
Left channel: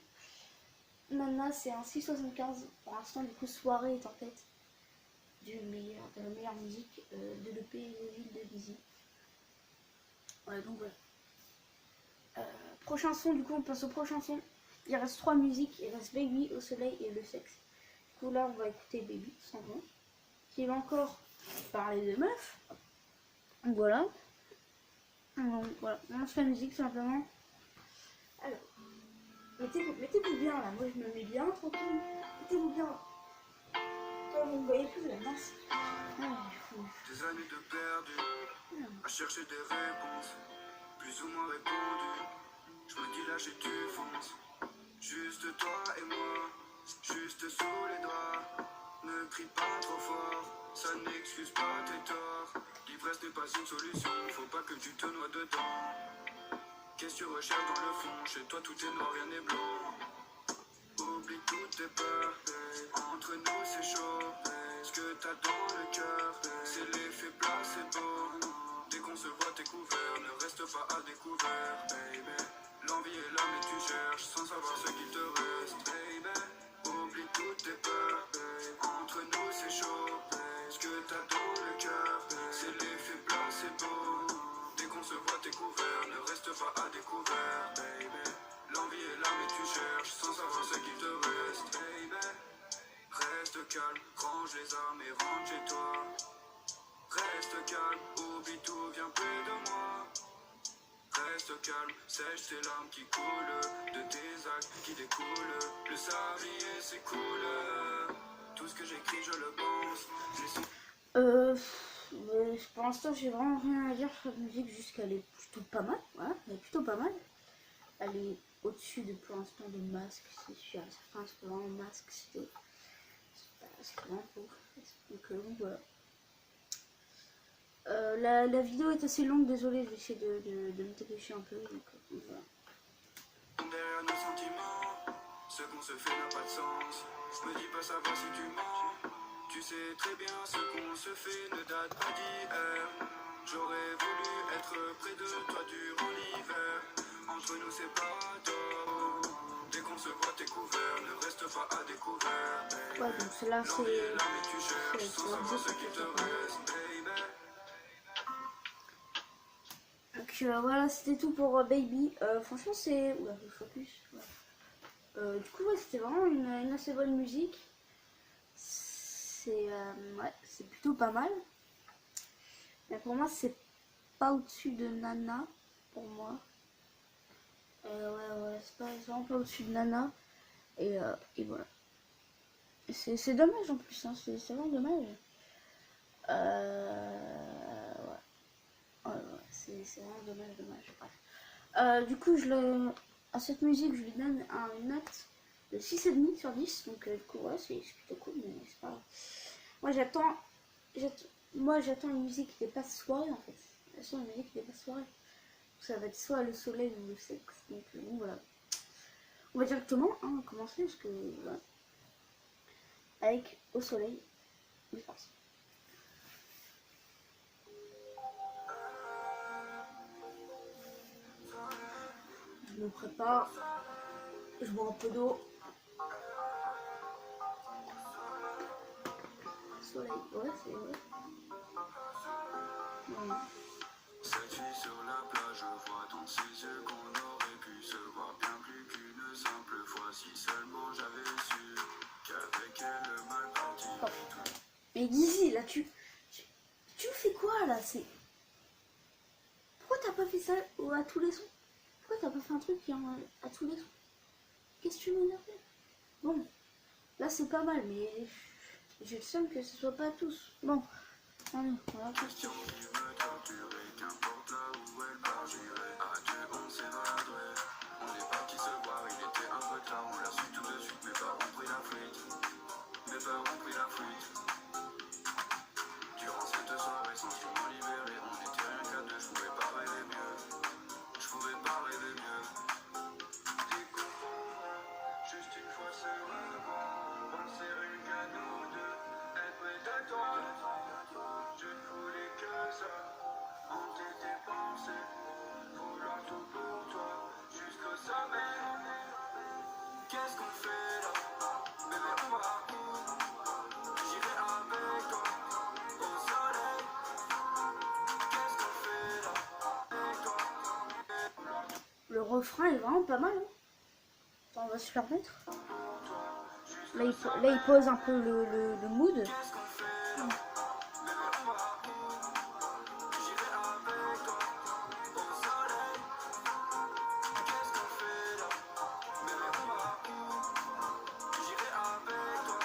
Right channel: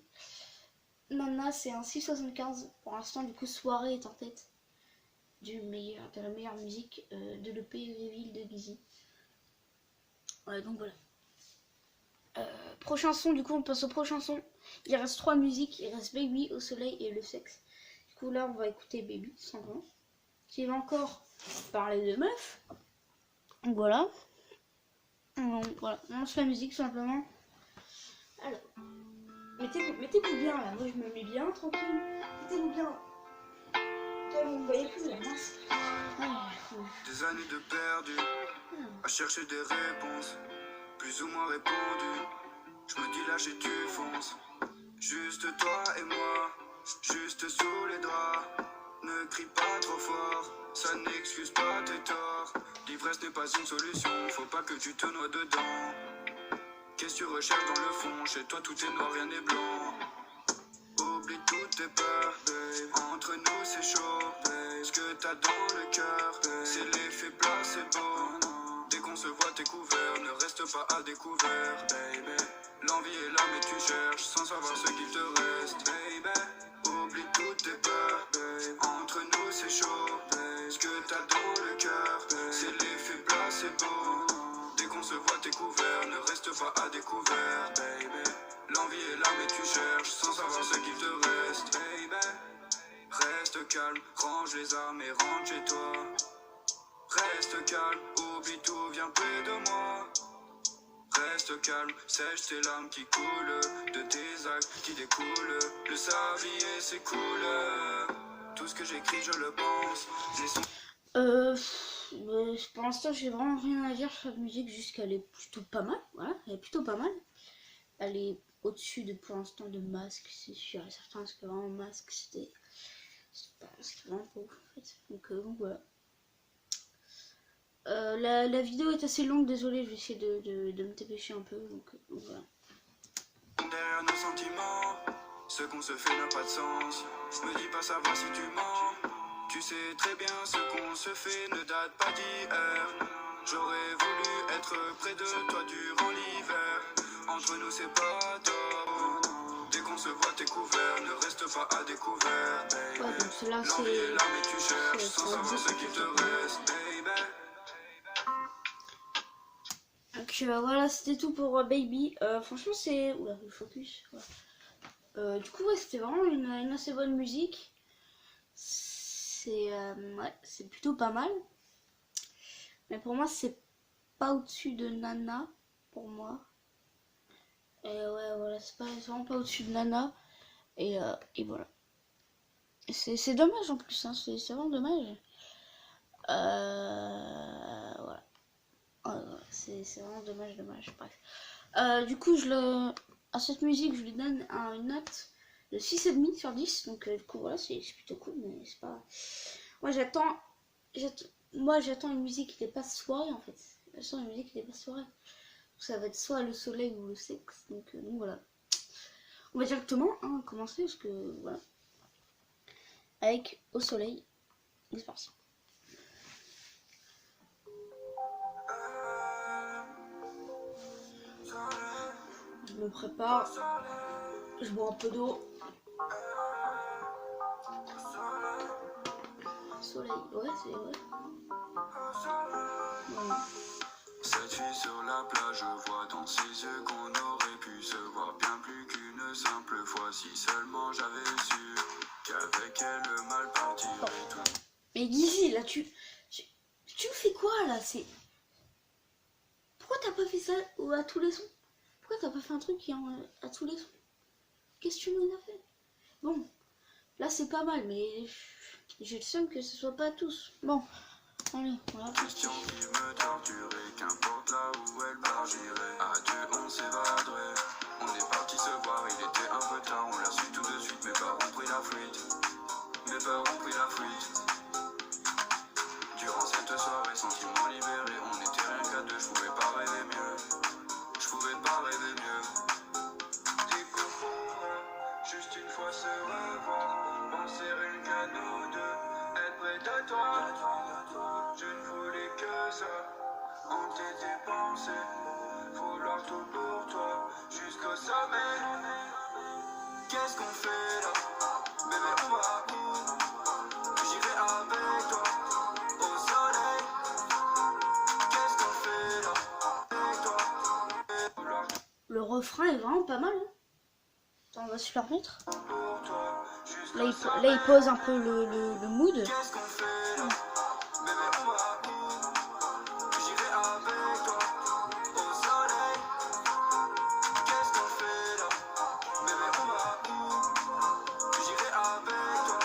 Nana, c'est un 6,75. Pour l'instant, du coup, Soirée est en tête de la meilleure musique de l'EP Reveal de Gizzy. Ouais, donc voilà. Prochain son, du coup, on passe au prochain son. Il reste 3 musiques. Il reste Baby, Au Soleil et Le Sexe. Du coup, là, on va écouter Baby, tout simplement. Qui va encore parler de meuf. Donc voilà. Donc voilà, on lance la musique, tout simplement. Alors. Mettez-vous bien là, moi je me mets bien, tranquille. Mettez-vous bien. Toi, vous me voyez plus la masse. Des années de perdu, à chercher des réponses, plus ou moins répondues. Je me dis là j'ai tu fonces. Juste toi et moi, juste sous les draps. Ne crie pas trop fort, ça n'excuse pas tes torts. L'ivresse n'est pas une solution, faut pas que tu te noies dedans. Qu'est-ce que tu recherches dans le fond? Chez toi tout est noir, rien n'est blanc. Oublie toutes tes peurs, babe. Entre nous c'est chaud, babe. Ce que t'as dans le cœur, babe, c'est l'effet placebo. Dès qu'on se voit t'es couvert, ne reste pas à découvert, baby. L'envie est là mais tu cherches sans savoir ce qu'il te reste, baby. Oublie toutes tes peurs, babe. Entre nous c'est chaud, babe. Ce que t'as dans le cœur, babe, c'est l'effet placebo. Dès qu'on se voit t'es couvert, ne reste pas à découvert, baby. L'envie est là mais tu cherches sans savoir ce qu'il te reste, baby. Reste calme, range les armes et rentre chez toi. Reste calme, oublie tout, viens près de moi. Reste calme, sèche tes larmes qui coulent de tes actes qui découlent. Le sablier c'est cool. Tout ce que j'écris je le pense. Pour l'instant j'ai vraiment rien à dire sur cette musique, juste qu'elle est plutôt pas mal. Voilà, elle est plutôt pas mal. Elle est au-dessus de pour l'instant de Masque, c'est sûr et certain, parce que vraiment Masque c'était vraiment pas ouf en fait. Donc voilà. La vidéo est assez longue, désolé, je vais essayer de me dépêcher un peu, donc voilà. Derrière nos sentiments, ce qu'on se fait n'a pas de sens. Me dis pas savoir si tu mens. Tu sais très bien ce qu'on se fait ne date pas d'hier. J'aurais voulu être près de toi durant l'hiver. Entre nous c'est pas top. Dès qu'on se voit t'es couvert, ne reste pas à découvert. Ouais, donc celle-là L'envie est là mais tu c'est cherches sans savoir ce qu'il te reste, baby. Donc voilà, c'était tout pour Baby. Franchement, c'est. Oula, le focus. Ouais. Du coup, ouais, c'était vraiment une assez bonne musique. Ouais, c'est plutôt pas mal. Mais pour moi, c'est pas au-dessus de Nana. Pour moi. Ouais, voilà, c'est vraiment pas au-dessus de Nana. Et voilà. C'est dommage en plus, hein, c'est vraiment dommage. Voilà. Ouais, c'est vraiment dommage. Bref. Du coup, à cette musique, je lui donne une note de 6,5 sur 10. Donc, du coup, voilà, c'est plutôt cool, mais c'est pas. Moi, j'attends une musique qui dépasse soirée en fait. J'attends une musique qui dépasse soirée. Ça va être soit le soleil ou le sexe. Donc, voilà. On va directement commencer parce que voilà. Avec Au soleil. C'est parti. Je me prépare. Je bois un peu d'eau. Soleil, ouais, c'est ouais. Bon. Cette fille sur la plage, je vois dans ses yeux qu'on aurait pu se voir bien plus qu'une simple fois. Si seulement j'avais su qu'avec elle le mal partirait tout. Mais Guizy, là, tu fais quoi là? Pourquoi t'as pas fait ça à tous les sons? Pourquoi t'as pas fait un truc à tous les sons? Qu'est-ce que tu m'en as fait? Bon, là c'est pas mal, mais j'ai le seum que ce soit pas tous. Bon, allez, voilà. Question qui me torturait, qu'importe là où elle part, j'irai. À deux, on s'évaderait. On est parti se voir, il était un peu tard, on l'a su tout de suite. Mes parents ont pris la fuite. Durant cette soirée, sentiments libérés, on était rien qu'à deux, je pouvais pas rêver mieux. Des coups juste une fois se revoir, penser rien qu'à nous deux, être près de toi. Je ne voulais que ça, hanter tes pensées, vouloir tout pour toi, jusqu'au sommet. Qu'est-ce qu'on fait là? Bébé, on va où? J'irai avec toi, au soleil. Qu'est-ce qu'on fait là? Avec toi. Le refrain est vraiment pas mal. Hein. Attends, on va se le remettre. Là, il pose un peu le mood. Qu'est-ce qu'on fait là? Bébé, on va où? J'irai avec toi, au soleil. Qu'est-ce qu'on fait là? Bébé, on va où? J'irai avec toi,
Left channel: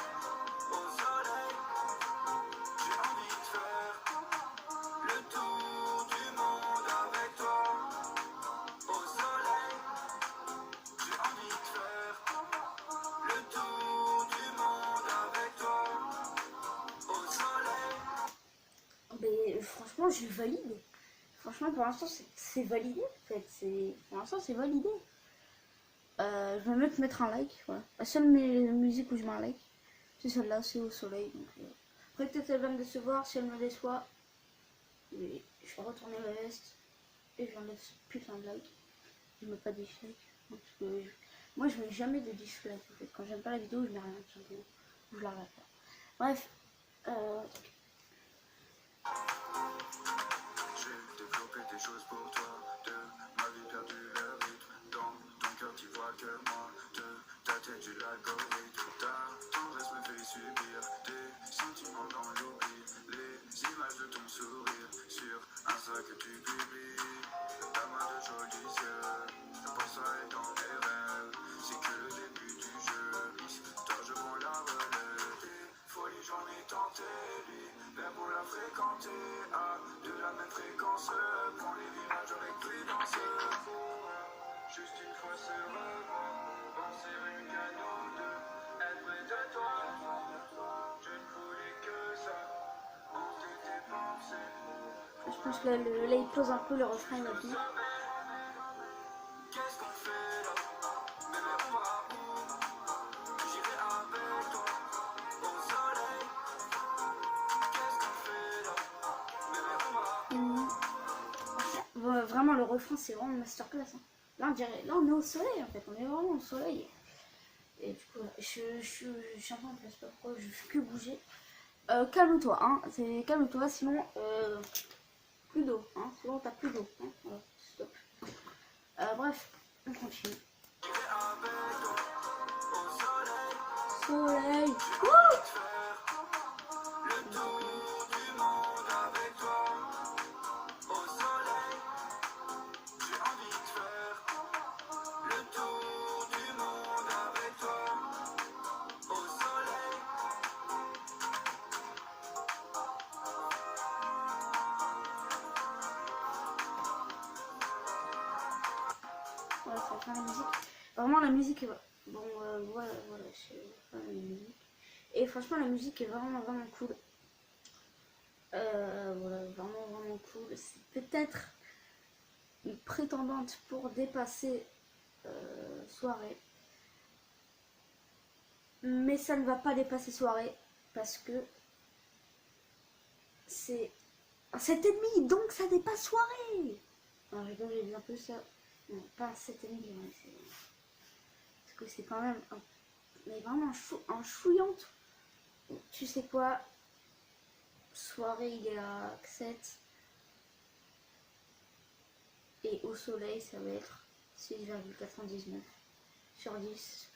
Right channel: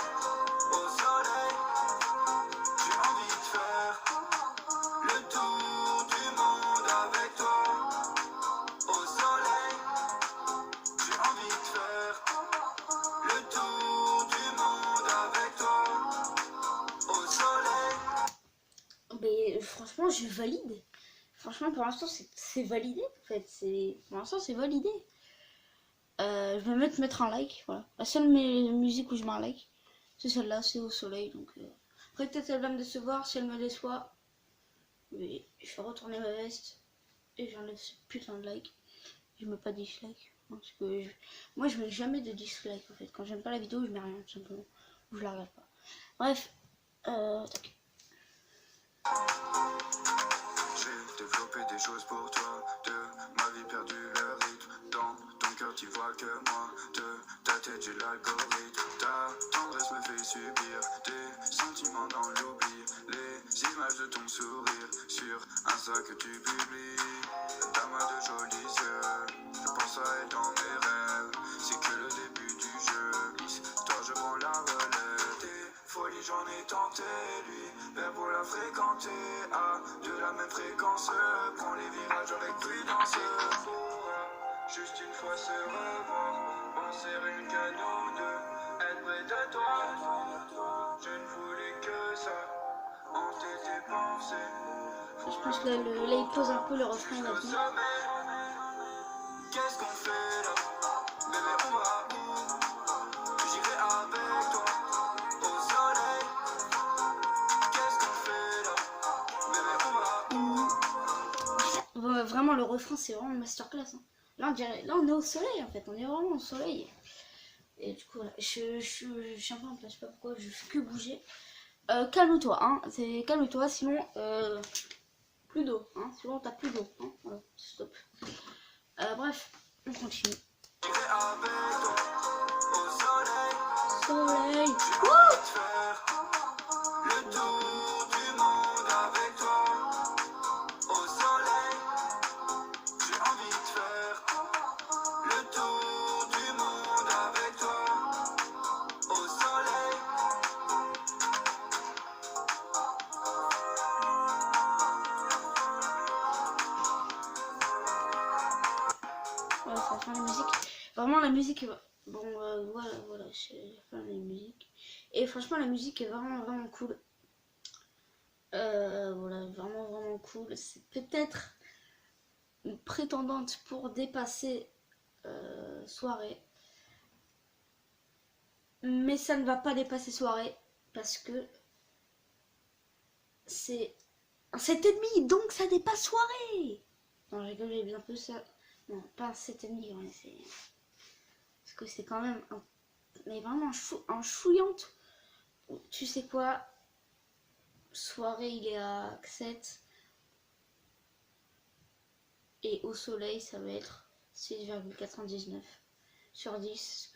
au soleil. J'ai envie de faire le tour du monde avec toi, au soleil. J'ai envie de faire le tour du monde avec toi, au soleil. Mais franchement, je valide. Franchement, pour l'instant, c'est validé. En fait, pour l'instant, c'est validé. Je vais mettre un like. Voilà. La seule musique où je mets un like, c'est celle-là, c'est Au soleil. Donc, après, peut-être elle va me décevoir. Si elle me déçoit, mais je vais retourner ma veste et j'enlève ce putain de like. Je mets pas de dislike. Parce que moi, je mets jamais de dislike. En fait, quand j'aime pas la vidéo, je mets rien, tout simplement. Ou je la regarde pas. Bref, tac. J'ai développé des choses pour toi, de ma vie perdu le rythme. Dans ton cœur tu vois que moi, de ta tête j'ai l'algorithme. Ta tendresse me fait subir des sentiments dans l'oubli. Les images de ton sourire sur Insta que tu publies. Ta main de jolis yeux, je pense à elle dans mes rêves. C'est que le début du jeu, toi je prends la relève. Des folies j'en ai tenté, lui, vers pour la fréquenter. À de la même fréquence, prends les virages avec prudence. Juste une fois se revoir, penser rien qu'à nous deux, être près de toi. Je ne voulais que ça, hanter tes pensées. Je pense que là, il pose un peu le refrain, il va venir. Qu'est-ce qu'on fait là? Bébé, on va où? J'irai avec toi, au soleil. vraiment, le refrain, c'est vraiment une masterclass. Hein. Là, on est au soleil, en fait. On est vraiment au soleil. Et du coup, voilà, je suis un peu en place. Je sais pas pourquoi, je fais que bouger. Calme-toi, hein. Calme-toi, sinon, plus d'eau. Hein. Sinon, t'as plus d'eau. Hein. Voilà, stop. Bref, on continue. Soleil. Wouh! Ouais, franchement, la musique. Vraiment, la musique. Bon, voilà, j'ai la musique. Et franchement, la musique est vraiment cool. Voilà, vraiment cool. C'est peut-être une prétendante pour dépasser Soirée. Mais ça ne va pas dépasser Soirée parce que c'est un 7,5, donc ça dépasse Soirée. Non, j'ai bien peu ça. Non, pas un 7,5, ouais, c'est... Parce que c'est quand même un... Mais vraiment un chouillante. Tu sais quoi? Soirée, il est à 7. Et au soleil, ça va être 6,99 sur 10.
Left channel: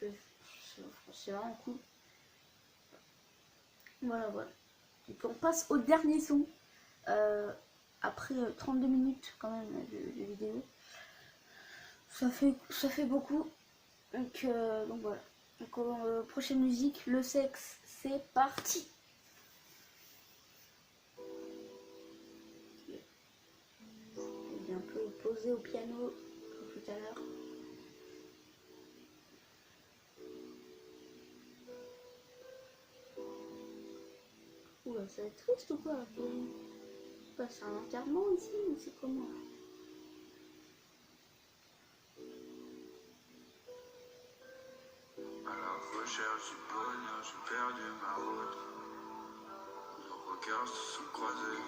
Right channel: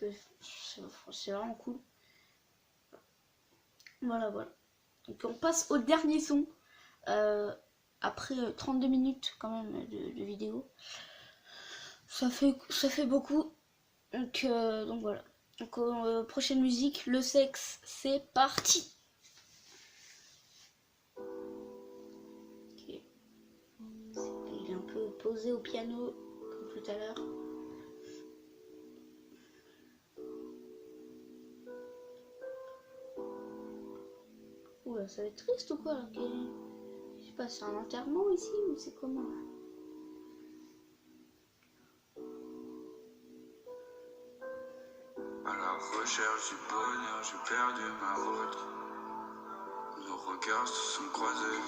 C'est vraiment cool. Voilà. Donc on passe au dernier son. Après 32 minutes quand même de vidéo. Ça fait beaucoup. Donc voilà. Donc prochaine musique, le sexe, c'est parti. Okay. Il est un peu posé au piano comme tout à l'heure. Oula, ça va être triste ou quoi là? Je sais pas, c'est un enterrement ici ou c'est comment là? À la recherche du bonheur, j'ai perdu ma route. Nos regards se sont croisés.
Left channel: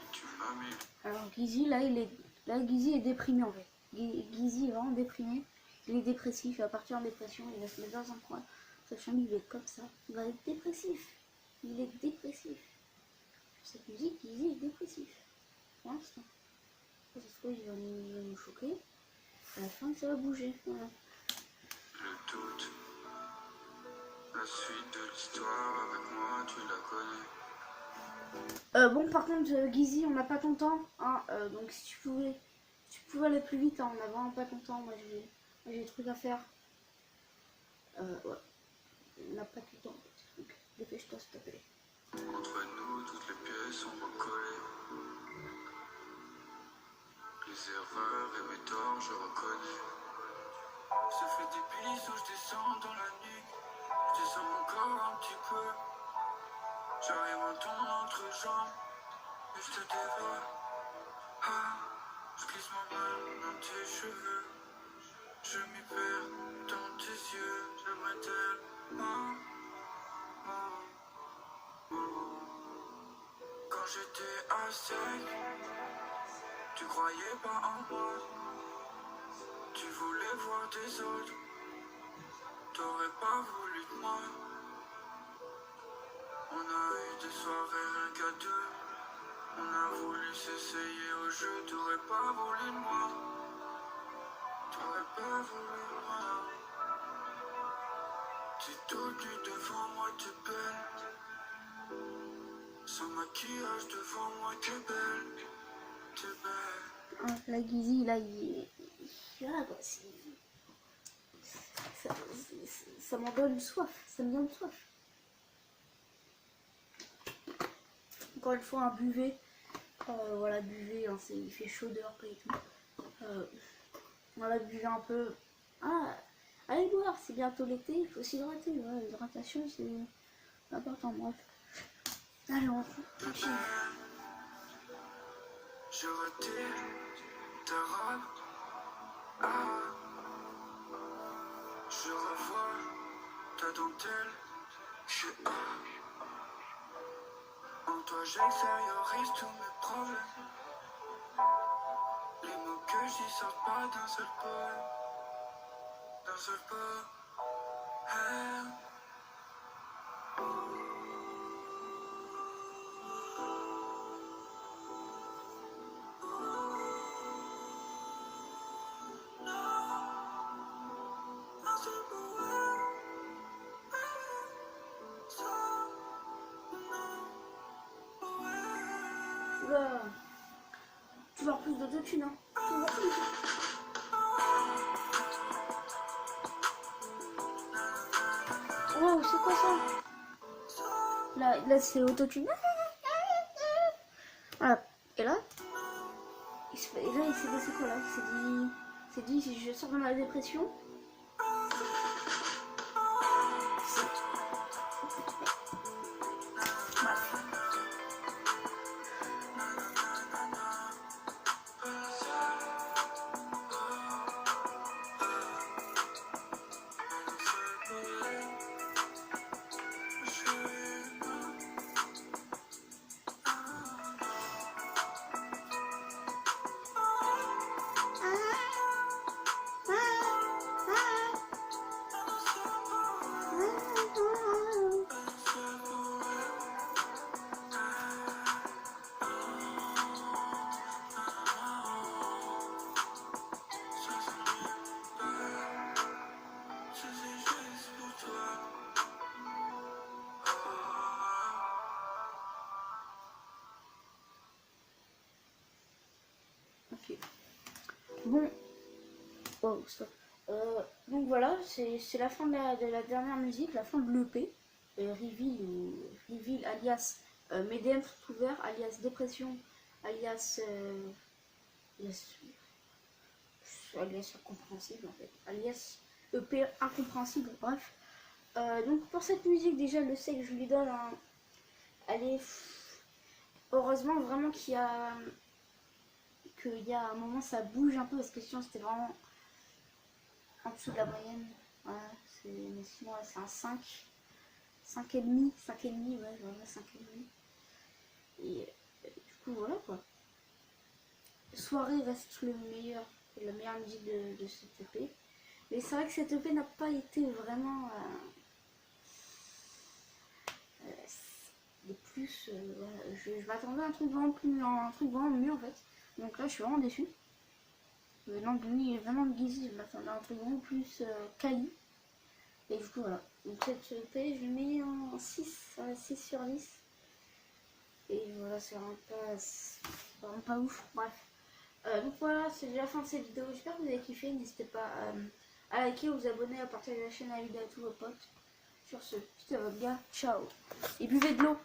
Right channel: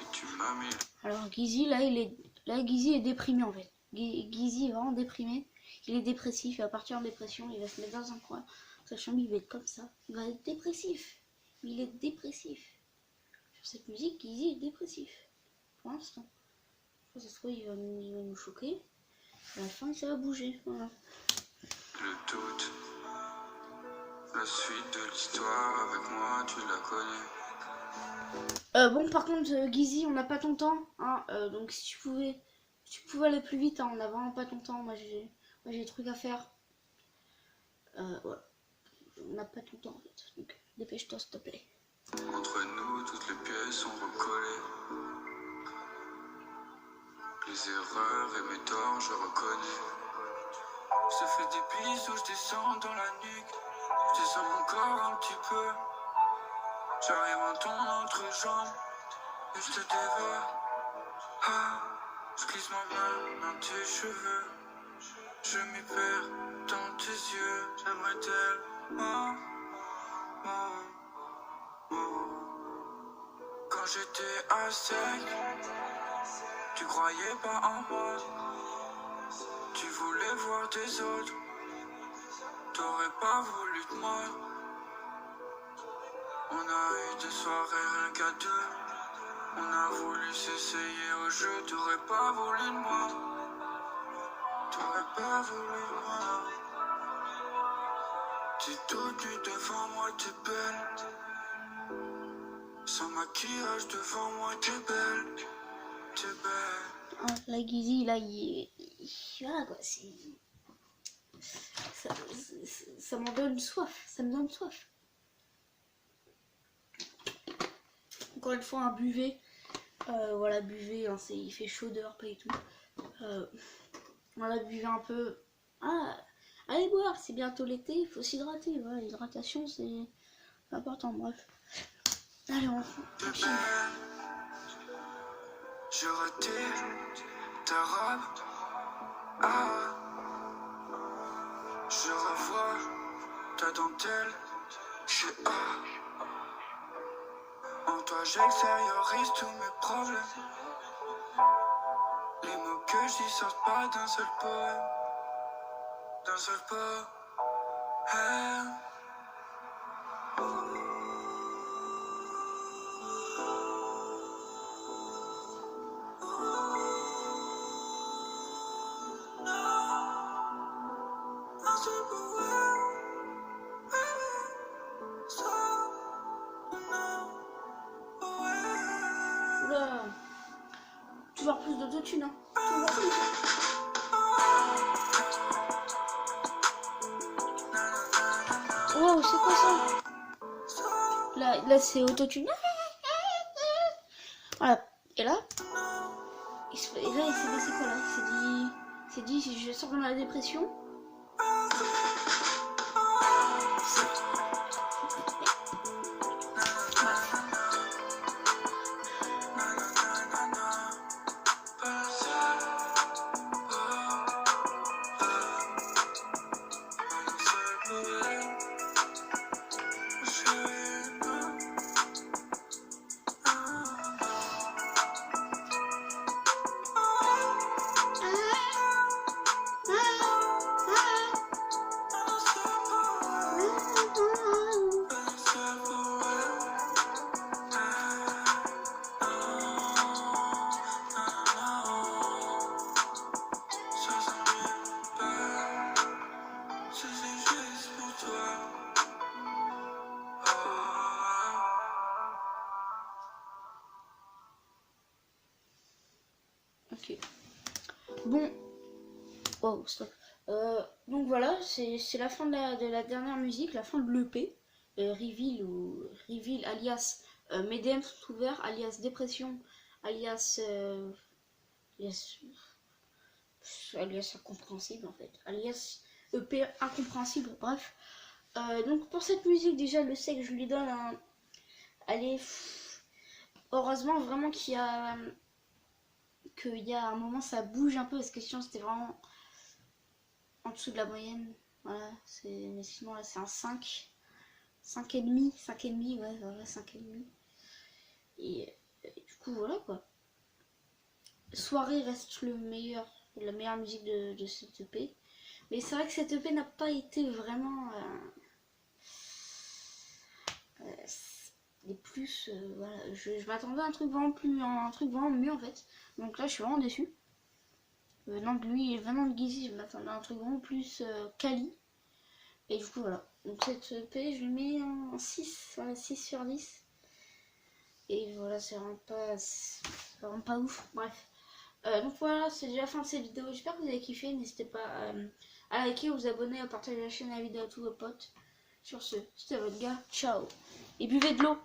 Et tu m'as mis. Alors Gizzy, là Gizzy est déprimé en fait. Gizzy est vraiment déprimé. Il est dépressif, il va partir en dépression, il va se mettre dans un coin. Sa chambre, il va être comme ça. Il va être dépressif. Il est dépressif. Sur cette musique, Gizzy est dépressif. Pour l'instant. Ça se trouve, il va nous choquer. À la fin, ça va bouger. Voilà. Le doute. La suite de l'histoire avec moi, tu la connais. Bon, par contre, Gizzy, on n'a pas ton temps. Hein, donc, si tu pouvais aller plus vite, hein, on n'a vraiment pas ton temps. Moi, j'ai des trucs à faire. Ouais. On n'a pas tout le temps en fait. Donc, dépêche-toi, s'il te plaît. Entre nous, toutes les pièces sont recollées. Les erreurs et mes torts, je reconnais. Je te fais des bisous, je descends dans la nuque. Je descends encore un petit peu. J'arrive en ton entrejambe et je te dévore. Ah, je glisse ma main dans tes cheveux. Je m'y perds dans tes yeux. J'aimerais tellement. Quand j'étais à sec, tu croyais pas en moi. Tu voulais voir des autres. T'aurais pas voulu de moi. On a eu des soirées rien qu'à deux. On a voulu s'essayer au jeu. T'aurais pas voulu de moi. T'aurais pas voulu de moi. T'es toute nue devant moi, t'es belle. Sans maquillage devant moi, t'es belle. T'es belle. Ah, là, Gizzy, là, voilà quoi. Ça m'en donne soif. Ça me donne soif. Encore une fois, un buvet. Voilà, buvet. Hein, il fait chaud dehors, pas du tout. Voilà, buvez un peu. Ah, allez boire, c'est bientôt l'été, il faut s'hydrater. Voilà, l'hydratation, c'est important. Bref. Allez, on continue. Je retire ta robe. Ah, je revois ta dentelle. Chez A. En toi, j'extériorise tous mes problèmes. que j'y sorte pas d'un seul poème. D'un seul poème. Oula. Toujours plus d'autotune, hein. Toujours plus. Wow, c'est quoi ça? Là c'est autotune. Voilà. Et là, il s'est passé quoi là? C'est dit si je sors dans la dépression. Ok. Bon. Wow, stop. Donc voilà, c'est la fin de la dernière musique, la fin de l'EP. Reveal alias mes DM sont ouverts, alias dépression, alias alias incompréhensible en fait, alias EP incompréhensible, bref. Donc pour cette musique déjà le sec je lui donne un... Allez, heureusement vraiment qu'il y a un moment ça bouge un peu parce que sinon c'était vraiment en dessous de la moyenne. Voilà, mais sinon là c'est un 5. 5,5, ouais, voilà, 5,5. Et du coup voilà quoi. Soirée reste la meilleure musique de cette EP. Mais c'est vrai que cette EP n'a pas été vraiment les plus. Voilà, je m'attendais à un truc vraiment mieux en fait. Donc là je suis vraiment déçue. Venant de lui, venant de Gizzy, je m'attendais à un truc vraiment plus quali. Et du coup voilà. Donc cette EP je lui mets un 6, un 6 sur 10. Et voilà, c'est vraiment pas ouf. Bref. Donc voilà, c'est déjà la fin de cette vidéo. J'espère que vous avez kiffé. N'hésitez pas à liker, vous abonner, à partager la chaîne, la vidéo à tous vos potes. Sur ce, c'était votre gars. Ciao. Et buvez de l'eau.